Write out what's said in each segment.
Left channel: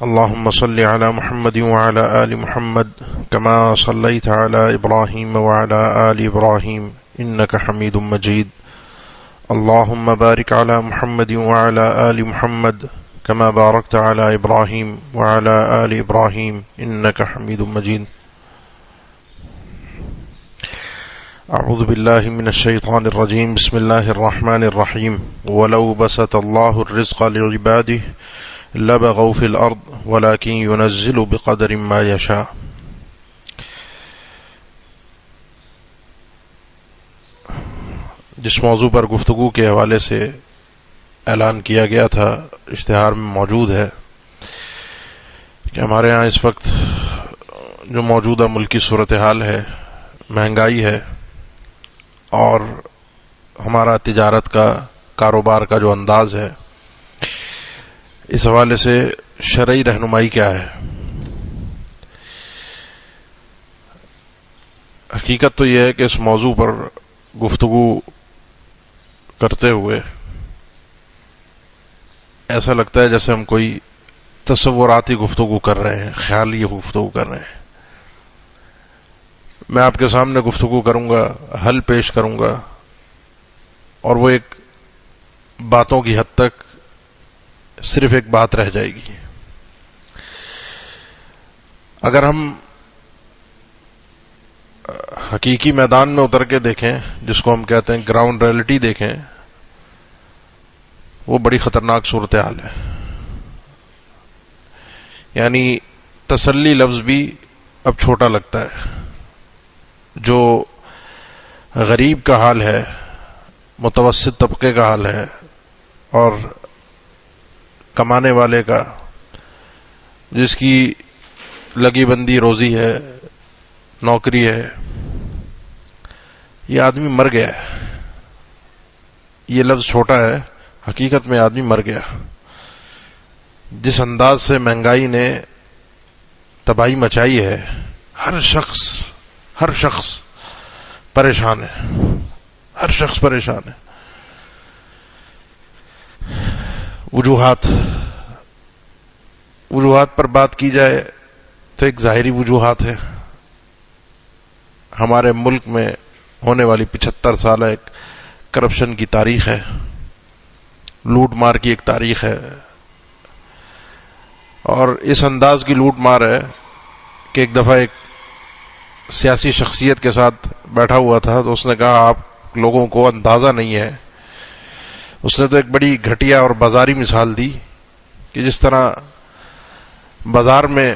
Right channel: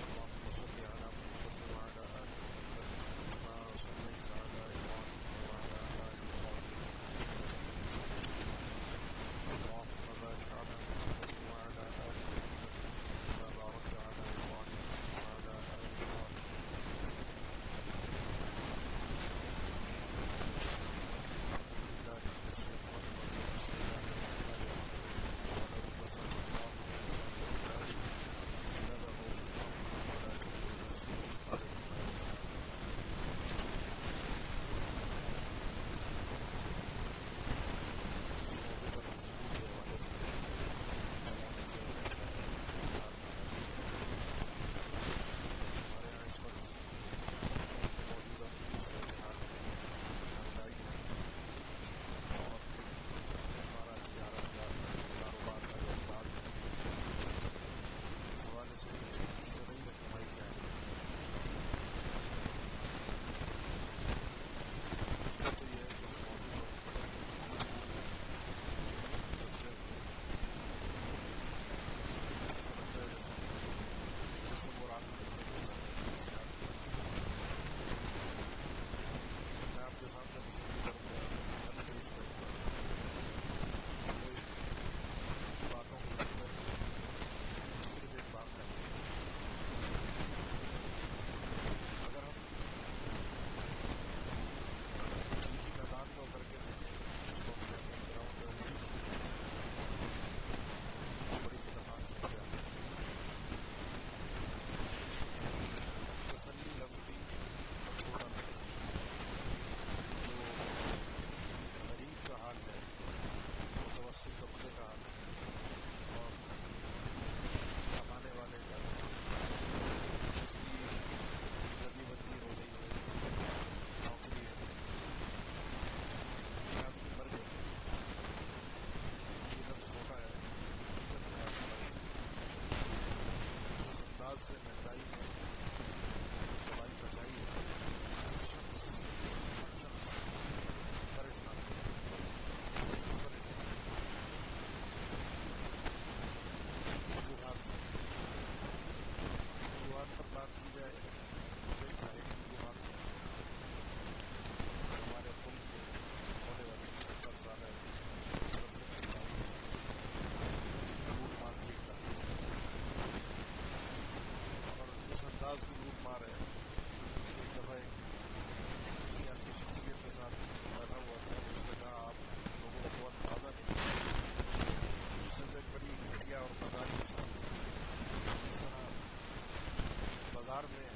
اللهم صل على محمد وعلى آل محمد كما صليت على إبراهيم وعلى آل إبراهيم إنك حميد مجيد. اللهم بارك على محمد وعلى آل محمد كما باركت على إبراهيم وعلى آل إبراهيم إنك حميد مجيد. أعوذ بالله من الشيطان الرجيم. بسم الله الرحمن الرحيم. ولو بسط الله الرزق لعباده لبغوا في الأرض ولكن ينزل بقدر ما يشاء. جس موضوع پر گفتگو کے حوالے سے اعلان کیا گیا تھا اشتہار میں موجود ہے کہ ہمارے ہاں اس وقت جو موجودہ ملکی صورتحال ہے، مہنگائی ہے، اور ہمارا تجارت کا کاروبار کا جو انداز ہے، اس حوالے سے شرعی رہنمائی کیا ہے؟ حقیقت تو یہ ہے کہ اس موضوع پر گفتگو کرتے ہوئے ایسا لگتا ہے جیسے ہم کوئی تصوراتی گفتگو کر رہے ہیں، خیالی گفتگو کر رہے ہیں. میں آپ کے سامنے گفتگو کروں گا، حل پیش کروں گا، اور وہ ایک باتوں کی حد تک صرف ایک بات رہ جائے گی. اگر ہم حقیقی میدان میں اتر کے دیکھیں، جس کو ہم کہتے ہیں گراؤنڈ ریئلٹی دیکھیں، وہ بڑی خطرناک صورتحال ہے. یعنی تسلی لفظ بھی اب چھوٹا لگتا ہے. جو غریب کا حال ہے، متوسط طبقے کا حال ہے، اور کمانے والے کا، جس کی لگی بندی روزی ہے، نوکری ہے، یہ آدمی مر گیا ہے. یہ لفظ چھوٹا ہے، حقیقت میں آدمی مر گیا. جس انداز سے مہنگائی نے تباہی مچائی ہے، ہر شخص پریشان ہے، ہر شخص پریشان ہے. وجوہات پر بات کی جائے تو ایک ظاہری وجوہات ہے. ہمارے ملک میں ہونے والی 75 سالہ ایک کرپشن کی تاریخ ہے، لوٹ مار کی ایک تاریخ ہے، اور اس انداز کی لوٹ مار ہے کہ ایک دفعہ ایک سیاسی شخصیت کے ساتھ بیٹھا ہوا تھا تو اس نے کہا آپ لوگوں کو اندازہ نہیں ہے. اس نے تو ایک بڑی گھٹیا اور بازاری مثال دی کہ جس طرح بازار میں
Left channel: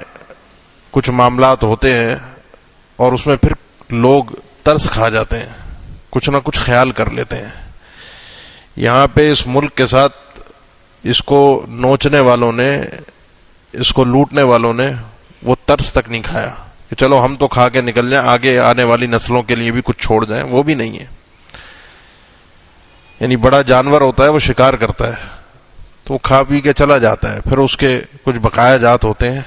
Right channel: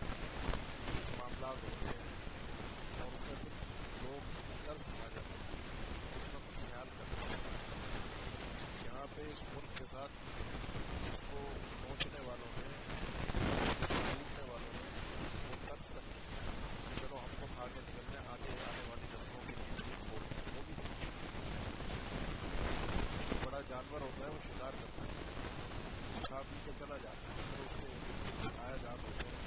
کچھ معاملات ہوتے ہیں اور اس میں پھر لوگ ترس کھا جاتے ہیں، کچھ نہ کچھ خیال کر لیتے ہیں. یہاں پہ اس ملک کے ساتھ اس کو نوچنے والوں نے، اس کو لوٹنے والوں نے وہ ترس تک نہیں کھایا کہ چلو ہم تو کھا کے نکل جائیں، آگے آنے والی نسلوں کے لیے بھی کچھ چھوڑ جائیں. وہ بھی نہیں ہے. یعنی بڑا جانور ہوتا ہے، وہ شکار کرتا ہے تو وہ کھا پی کے چلا جاتا ہے، پھر اس کے کچھ بقایا جات ہوتے ہیں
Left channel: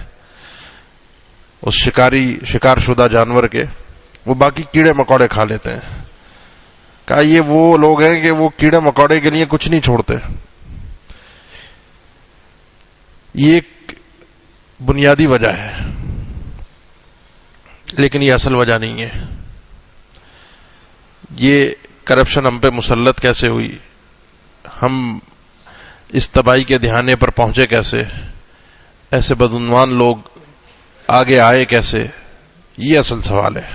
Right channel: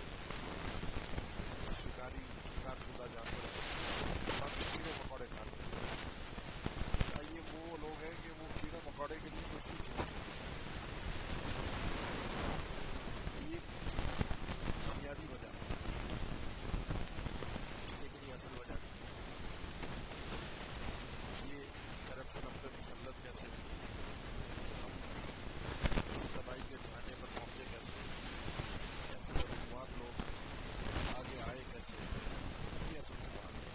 اس شکار شدہ جانور کے، وہ باقی کیڑے مکوڑے کھا لیتے ہیں. کہا یہ وہ لوگ ہیں کہ وہ کیڑے مکوڑے کے لیے کچھ نہیں چھوڑتے. یہ ایک بنیادی وجہ ہے، لیکن یہ اصل وجہ نہیں ہے. یہ کرپشن ہم پہ مسلط کیسے ہوئی، ہم اس تباہی کے دہانے پر پہنچے کیسے، ایسے بدعنوان لوگ آگے آئے کیسے، یہ اصل سوال ہے.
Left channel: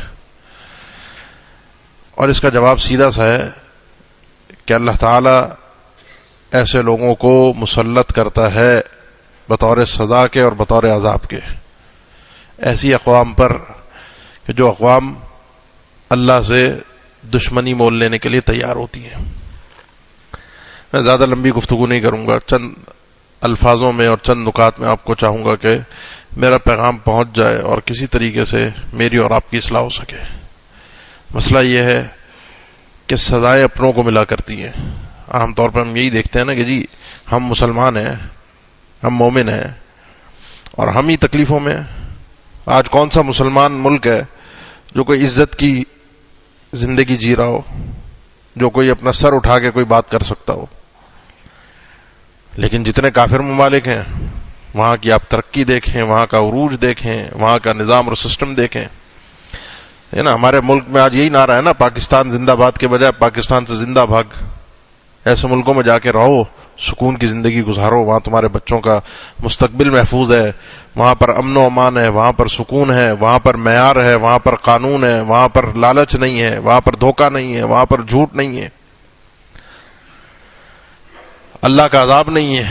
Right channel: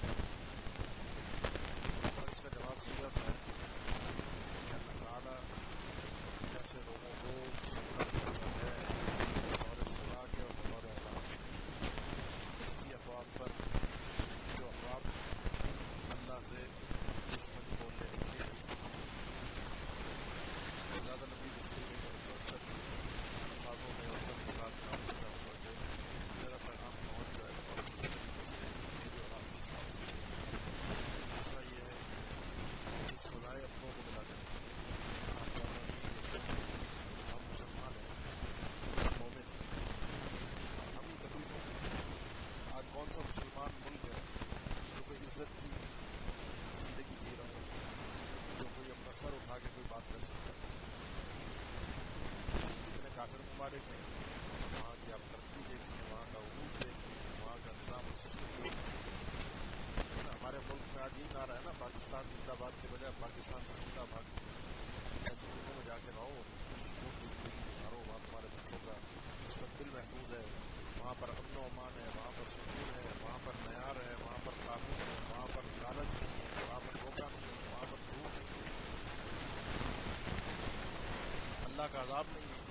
اور اس کا جواب سیدھا سا ہے کہ اللہ تعالی ایسے لوگوں کو مسلط کرتا ہے بطور سزا کے اور بطور عذاب کے، ایسی اقوام پر کہ جو اقوام اللہ سے دشمنی مول لینے کے لیے تیار ہوتی ہیں. میں زیادہ لمبی گفتگو نہیں کروں گا، چند الفاظوں میں اور چند نکات میں آپ کو چاہوں گا کہ میرا پیغام پہنچ جائے اور کسی طریقے سے میری اور آپ کی اصلاح ہو سکے. مسئلہ یہ ہے کہ سزائیں اپنوں کو ملا کرتی ہیں. عام طور پر ہم یہی دیکھتے ہیں نا کہ جی ہم مسلمان ہیں، ہم مومن ہیں، اور ہم ہی تکلیفوں میں ہیں. آج کون سا مسلمان ملک ہے جو کوئی عزت کی زندگی جی رہا ہو، جو کوئی اپنا سر اٹھا کے کوئی بات کر سکتا ہو؟ لیکن جتنے کافر ممالک ہیں وہاں کی آپ ترقی دیکھیں، وہاں کا عروج دیکھیں، وہاں کا نظام اور سسٹم دیکھیں، ہے نا. ہمارے ملک میں آج یہی نعرہ ہے نا، پاکستان زندہ باد کے بجائے پاکستان سے زندہ بھاگ. ایسے ملکوں میں جا کے رہو، سکون کی زندگی گزارو، وہاں تمہارے بچوں کا مستقبل محفوظ ہے، وہاں پر امن و امان ہے، وہاں پر سکون ہے، وہاں پر معیار ہے، وہاں پر قانون ہے، وہاں پر لالچ نہیں ہے، وہاں پر دھوکہ نہیں ہے، وہاں پر جھوٹ نہیں ہے، اللہ کا عذاب نہیں ہے.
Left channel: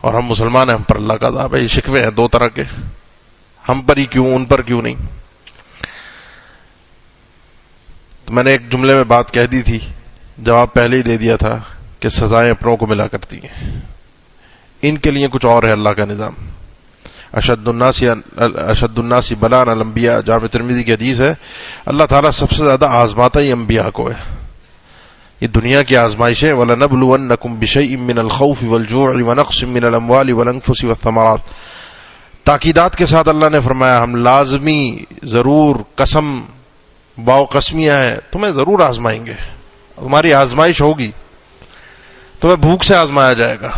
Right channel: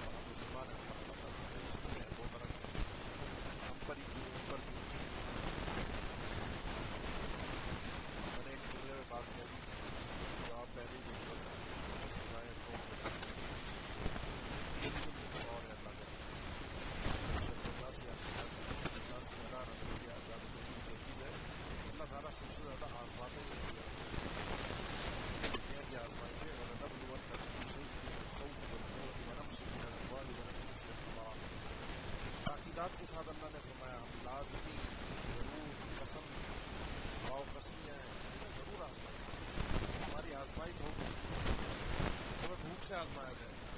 اور ہم مسلمان ہیں، ہم پر اللہ کا عذاب ہے. یہ شکوے ہیں دو طرح کے، ہم پر ہی کیوں، ان پر کیوں نہیں. تو میں نے ایک جملے میں بات کہہ دی تھی، جواب پہلے ہی دے دیا تھا کہ سزائیں اپنوں کو ملا کرتی ہیں، ان کے لیے کچھ اور ہے اللہ کا نظام. اشد الناس بلاء الانبیاء، جامع ترمذی کی حدیث ہے، اللہ تعالیٰ سب سے زیادہ آزماتا ہی انبیاء کو ہے. یہ دنیا کی آزمائش ہے. وَلَنَبْلُوَنَّكُمْ بِشَيْءٍ مِّنَ الْخَوْفِ وَالْجُوعِ وَنَقْصٍ مِّنَ الْأَمْوَالِ وَالْأَنفُسِ وَالثَّمَرَاتِ. تاکیدات کے ساتھ اللہ نے فرمایا ہم لازمی، ضرور، قسم، باو قسمیاں ہیں، تمہیں ضرور آزمائیں گے. تمہاری آزمائش ہوگی، تمہیں بھوک سے آزمایا جائے گا.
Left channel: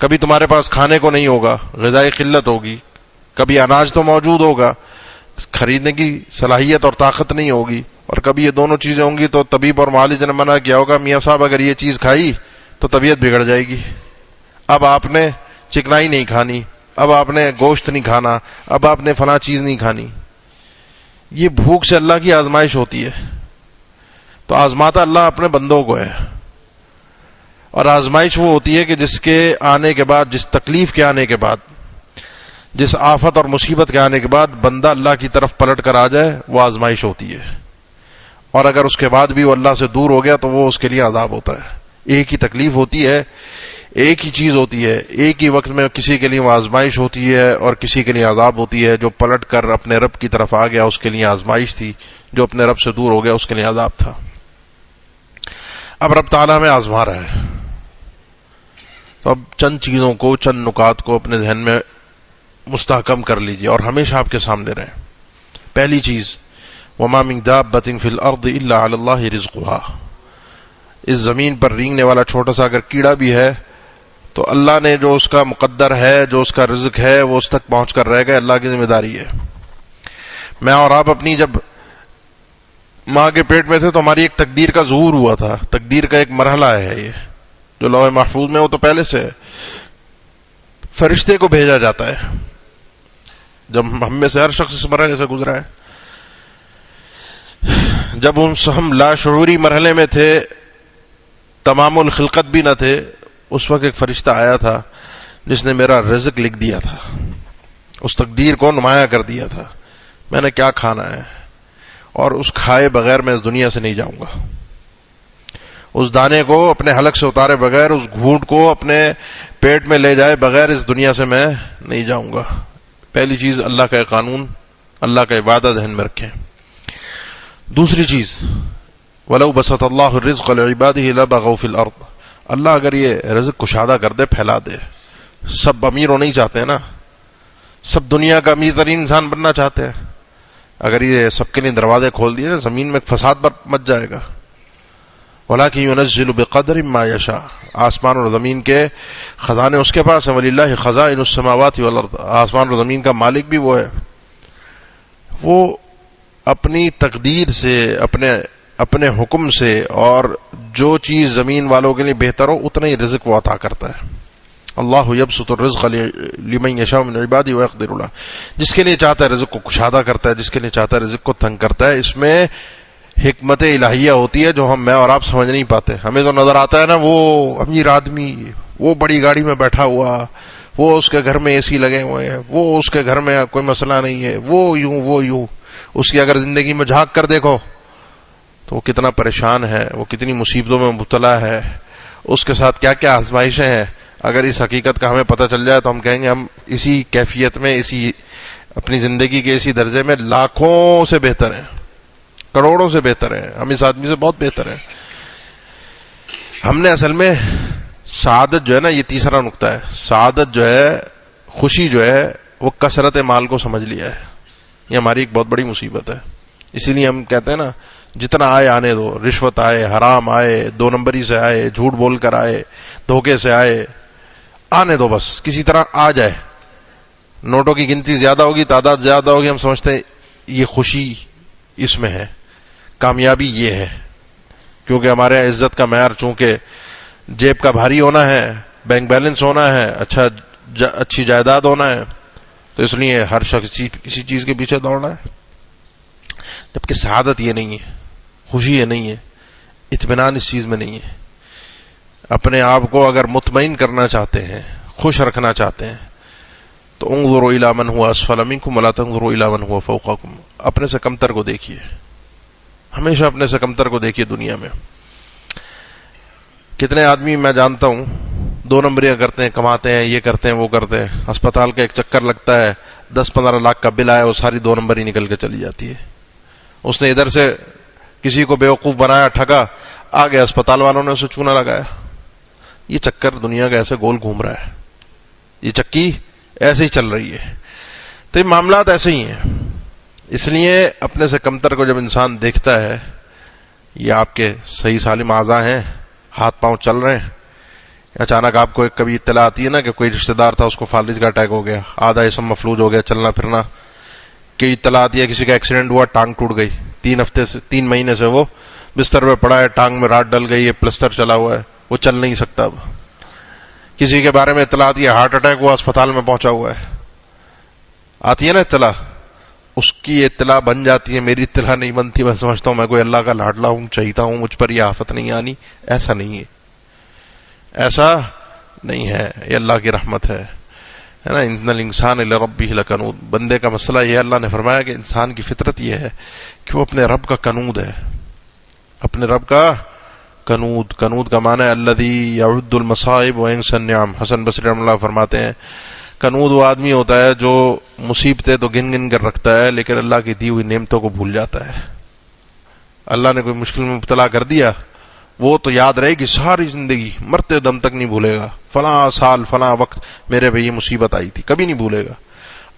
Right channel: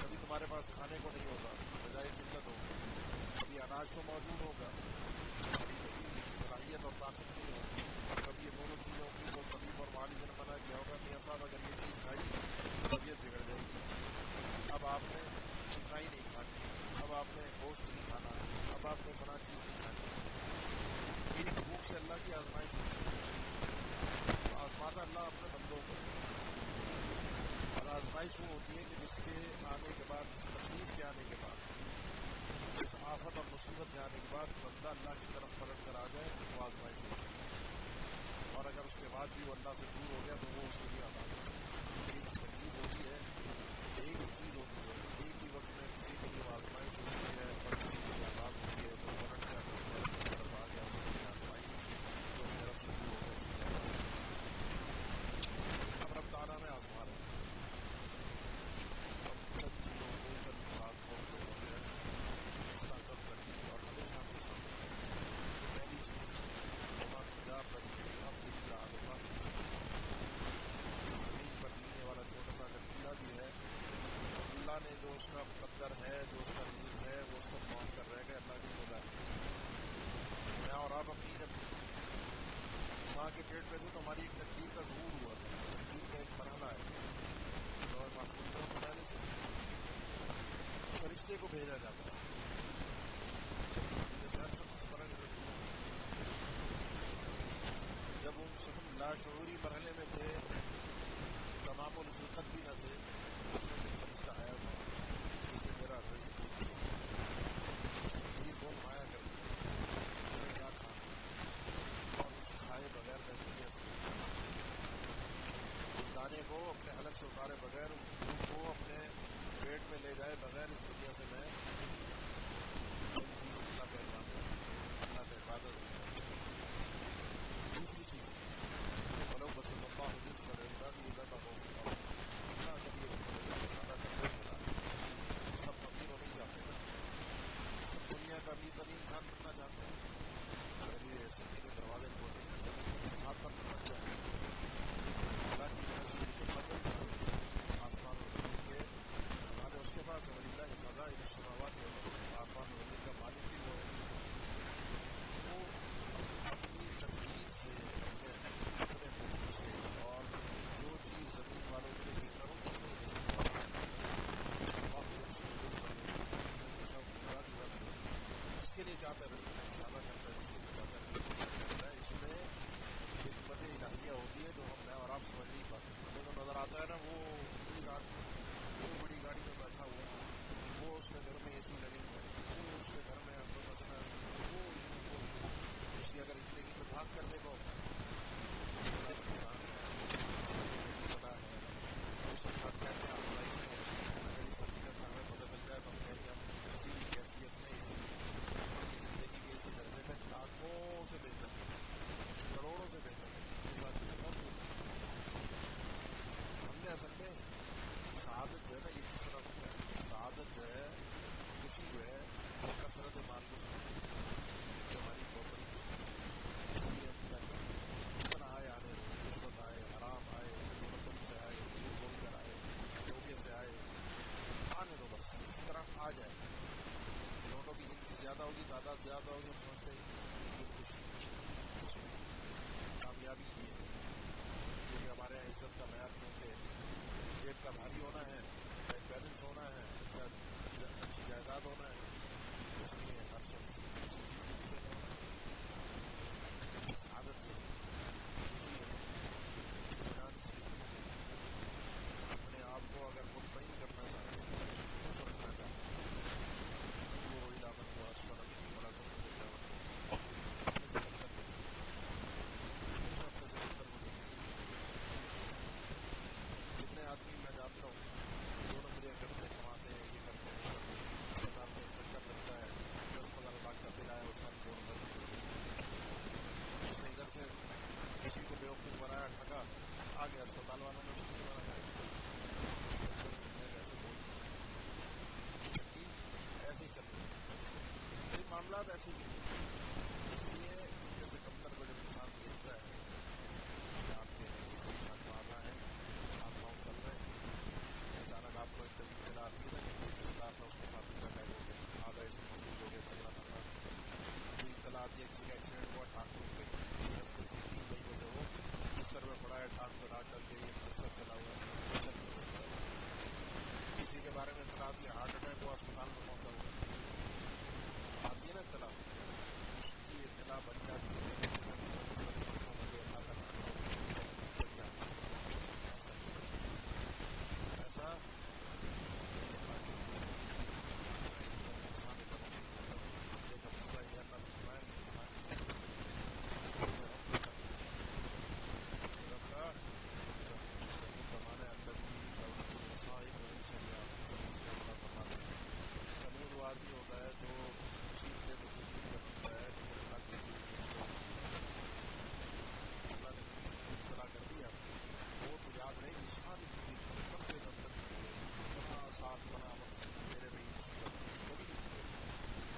کبھی تمہارے پاس کھانے کو نہیں ہوگا، غذائی قلت ہوگی. کبھی اناج تو موجود ہوگا، خریدنے کی صلاحیت اور طاقت نہیں ہوگی. اور کبھی یہ دونوں چیزیں ہوں گی تو طبیب اور معالج نے منع کیا ہوگا، میاں صاحب اگر یہ چیز کھائی تو طبیعت بگڑ جائے گی، اب آپ نے چکنائی نہیں کھانی، اب آپ نے گوشت نہیں کھانا، اب آپ نے فلاں چیز نہیں کھانی. یہ بھوک سے اللہ کی آزمائش ہوتی ہے. تو آزماتا اللہ اپنے بندوں کو ہے. اور آزمائش وہ ہوتی ہے کہ جس کے آنے کے بعد، جس تکلیف کے آنے کے بعد، جس آفت اور مصیبت کے آنے کے بعد بندہ اللہ کی طرف پلٹ کر آ جائے، وہ آزمائش ہوتی ہے. اور اگر اس کے بعد بھی وہ اللہ سے دور ہو گیا تو وہ اس کے لیے عذاب ہوتا ہے. ایک ہی تکلیف ہوتی ہے، ایک ہی چیز ہوتی ہے، ایک ہی وقت میں کسی کے لیے وہ آزمائش ہوتی ہے اور کسی کے لیے عذاب ہوتی ہے. جو پلٹ کر اپنے رب کی طرف آ گیا اس کے لیے آزمائش تھی، جو اپنے رب سے دور ہو گیا اس کے لیے عذاب تھا. اب رب تعالیٰ ہمیں آزما رہا ہے. تو اب چند چیزوں کو، چند نکات کو اپنے ذہن میں مستحکم کر لیجئے اور ہمیشہ آپ کے سامنے رہیں. پہلی چیز، وَمَا مِن دَابَّةٍ فِي الْأَرْضِ إِلَّا عَلَى اللَّهِ رِزْقُهَا. اس زمین پر رینگنے والا چھوٹا سا اگر کیڑا بھی ہے تو اللہ نے جو اس کا مقدر ہے، جو اس کا رزق ہے، وہ اس تک پہنچ کر رہے گا. اللہ کی ذمہ داری ہے. میں اور آپ اپنی جب ماں کے پیٹ میں تھے تو ہماری ایک تقدیر کا ظہور ہوا تھا. تقدیر کا ایک مرحلہ ہے یہ جو لوح محفوظ میں، وہ تو پہلے سے ہے. فرشتے کو بھیجا جاتا ہے. جب ہم میں سے ہر شخص اس مرحلے سے گزرا ہے. جب ہم لاشعوری مرحلے میں تھے، تمام الخلقت بھی نہ تھے، اس وقت ایک فرشتہ آیا تھا جس نے میرا رزق لکھ دیا تھا، اس تقدیر کو نمایاں کر دیا تھا. میں نے کیا کھانا ہے، اور اس کھائے بغیر میں اس دنیا سے نہیں جاؤں گا. اس دانے کو اپنے حلق سے اتارے بغیر، اس گھونٹ کو اپنے پیٹ میں لے جائے بغیر اس دنیا سے میں نہیں جاؤں گا. پہلی چیز، اللہ کا قانون، اللہ کا وعدہ ذہن میں رکھیں. دوسری چیز، وَلَوْ بَسَطَ اللَّهُ الرِّزْقَ لِعِبَادِهِ لَبَغَوْا فِي الْأَرْضِ. اللہ اگر یہ رزق کشادہ کر دے، پھیلا دے. سب امیر ہونا ہی چاہتے ہیں نا، سب دنیا کا امیر ترین انسان بننا چاہتے ہیں. اگر یہ سب کے لیے دروازے کھول دیے نا، زمین میں فساد مچ جائے گا. وَلَٰكِن يُنَزِّلُ بِقَدْرٍ مَّا يَشَاءُ. آسمان اور زمین کے خزانے اس کے پاس ہیں. وَلِلَّهِ خَزَائِنُ السَّمَاوَاتِ وَالْأَرْضِ. آسمان اور زمین کا مالک بھی وہ ہے. وہ اپنی تقدیر سے، اپنے حکم سے، اور جو چیز زمین والوں کے لیے بہتر ہو اتنا ہی رزق وہ عطا کرتا ہے. اللہ یبسط الرزق لمن یشاء من عباده ويقدر له. جس کے لیے چاہتا ہے رزق کو کشادہ کرتا ہے، جس کے لیے چاہتا ہے رزق کو تنگ کرتا ہے. اس میں حکمت الہیہ ہوتی ہے جو میں اور آپ سمجھ نہیں پاتے. ہمیں تو نظر آتا ہے نا، وہ امیر آدمی، وہ بڑی گاڑی میں بیٹھا ہوا، وہ اس کے گھر میں اے سی لگے ہوئے ہیں، وہ اس کے گھر میں کوئی مسئلہ نہیں ہے، وہ یوں. اس کی اگر زندگی میں جھانک کر دیکھو تو وہ کتنا پریشان ہے، وہ کتنی مصیبتوں میں مبتلا ہے، اس کے ساتھ کیا کیا آزمائشیں ہیں. اگر اس حقیقت کا ہمیں پتہ چل جائے تو ہم کہیں گے ہم اسی کیفیت میں، اسی اپنی زندگی کے اسی درجے میں لاکھوں سے بہتر ہیں، کروڑوں سے بہتر ہیں. ہم اس آدمی سے بہت بہتر ہیں. ہم نے اصل میں سعادت جو ہے نا، یہ تیسرا نقطہ ہے، سعادت جو ہے، خوشی جو ہے، وہ کثرت مال کو سمجھ لیا ہے. یہ ہماری ایک بہت بڑی مصیبت ہے. اسی لیے ہم کہتے ہیں نا، جتنا آئے آنے دو. رشوت آئے، حرام آئے، دو نمبری سے آئے، جھوٹ بول کر آئے، دھوکے سے آئے، آنے دو بس، کسی طرح آ جائے. نوٹوں کی گنتی زیادہ ہوگی، تعداد زیادہ ہوگی، ہم سمجھتے ہیں یہ خوشی اس میں ہے، کامیابی یہ ہے. کیونکہ ہمارے یہاں عزت کا معیار چونکہ جیب کا بھاری ہونا ہے، بینک بیلنس ہونا ہے، اچھی جائیداد ہونا ہے، تو اس لیے ہر شخص کسی چیز کے پیچھے دوڑنا ہے. جبکہ سعادت یہ نہیں ہے، خوشی یہ نہیں ہے، اطمینان اس چیز میں نہیں ہے. اپنے آپ کو اگر مطمئن کرنا چاہتے ہیں، خوش رکھنا چاہتے ہیں، تو انظروا الی من هو اسفل منکم ولا تنظروا الی من هو فوقکم. اپنے سے کمتر کو دیکھیے، ہمیشہ اپنے سے کمتر کو دیکھیے. دنیا میں کتنے آدمی میں جانتا ہوں 2 نمبریاں کرتے ہیں، کماتے ہیں، یہ کرتے ہیں، وہ کرتے ہیں، اسپتال کا ایک چکر لگتا ہے، 10-15 لاکھ کا بل آیا، وہ ساری 2 نمبر ہی نکل کے چلی جاتی ہے. اس نے ادھر سے کسی کو بیوقوف بنایا، ٹھگا، آ گیا، اسپتال والوں نے اسے چونا لگایا. یہ چکر دنیا کا ایسے گول گھوم رہا ہے، یہ چکی ایسے ہی چل رہی ہے. تو یہ معاملات ایسے ہی ہیں. اس لیے اپنے سے کمتر کو جب انسان دیکھتا ہے، یہ آپ کے صحیح سالم اعضاء ہیں، ہاتھ پاؤں چل رہے ہیں، اچانک آپ کو ایک کبھی اطلاع آتی ہے نا کہ کوئی رشتہ دار تھا، اس کو فالج کا اٹیک ہو گیا، آدھا جسم مفلوج ہو گیا، چلنا پھرنا. کہ اطلاع آتی ہے کسی کا ایکسیڈنٹ ہوا، ٹانگ ٹوٹ گئی، 3 مہینے سے وہ بستر پہ پڑا ہے، ٹانگ میں راڈ ڈل گئی ہے، پلسٹر چلا ہوا ہے، وہ چل نہیں سکتا. اب کسی کے بارے میں اطلاع آتی ہے ہارٹ اٹیک ہوا، اسپتال میں پہنچا ہوا ہے، آتی ہے نا اطلاع، اس کی اطلاع بن جاتی ہے، میری اطلاع نہیں بنتی. میں سمجھتا ہوں میں کوئی اللہ کا لاڈلا ہوں، چاہیتا ہوں، مجھ پر یہ آفت نہیں آنی. ایسا نہیں ہے، ایسا نہیں ہے، یہ اللہ کی رحمت ہے نا. ان الانسان لربہ لکنود. بندے کا مسئلہ یہ، اللہ نے فرمایا کہ انسان کی فطرت یہ ہے کہ وہ اپنے رب کا کنود ہے، اپنے رب کا کنود. کنود کا معنی ہے الذی یعد المصائب وینسی النعم. حسن بصری رحمہ اللہ فرماتے ہیں کنود وہ آدمی ہوتا ہے جو مصیبتیں تو گن گن کر رکھتا ہے، لیکن اللہ کی دی ہوئی نعمتوں کو بھول جاتا ہے. اللہ نے کوئی مشکل میں مبتلا کر دیا، وہ تو یاد رہے گی ساری زندگی، مرتے دم تک نہیں بھولے گا، فلاں سال فلاں وقت میرے پہ یہ مصیبت آئی تھی، کبھی نہیں بھولے گا.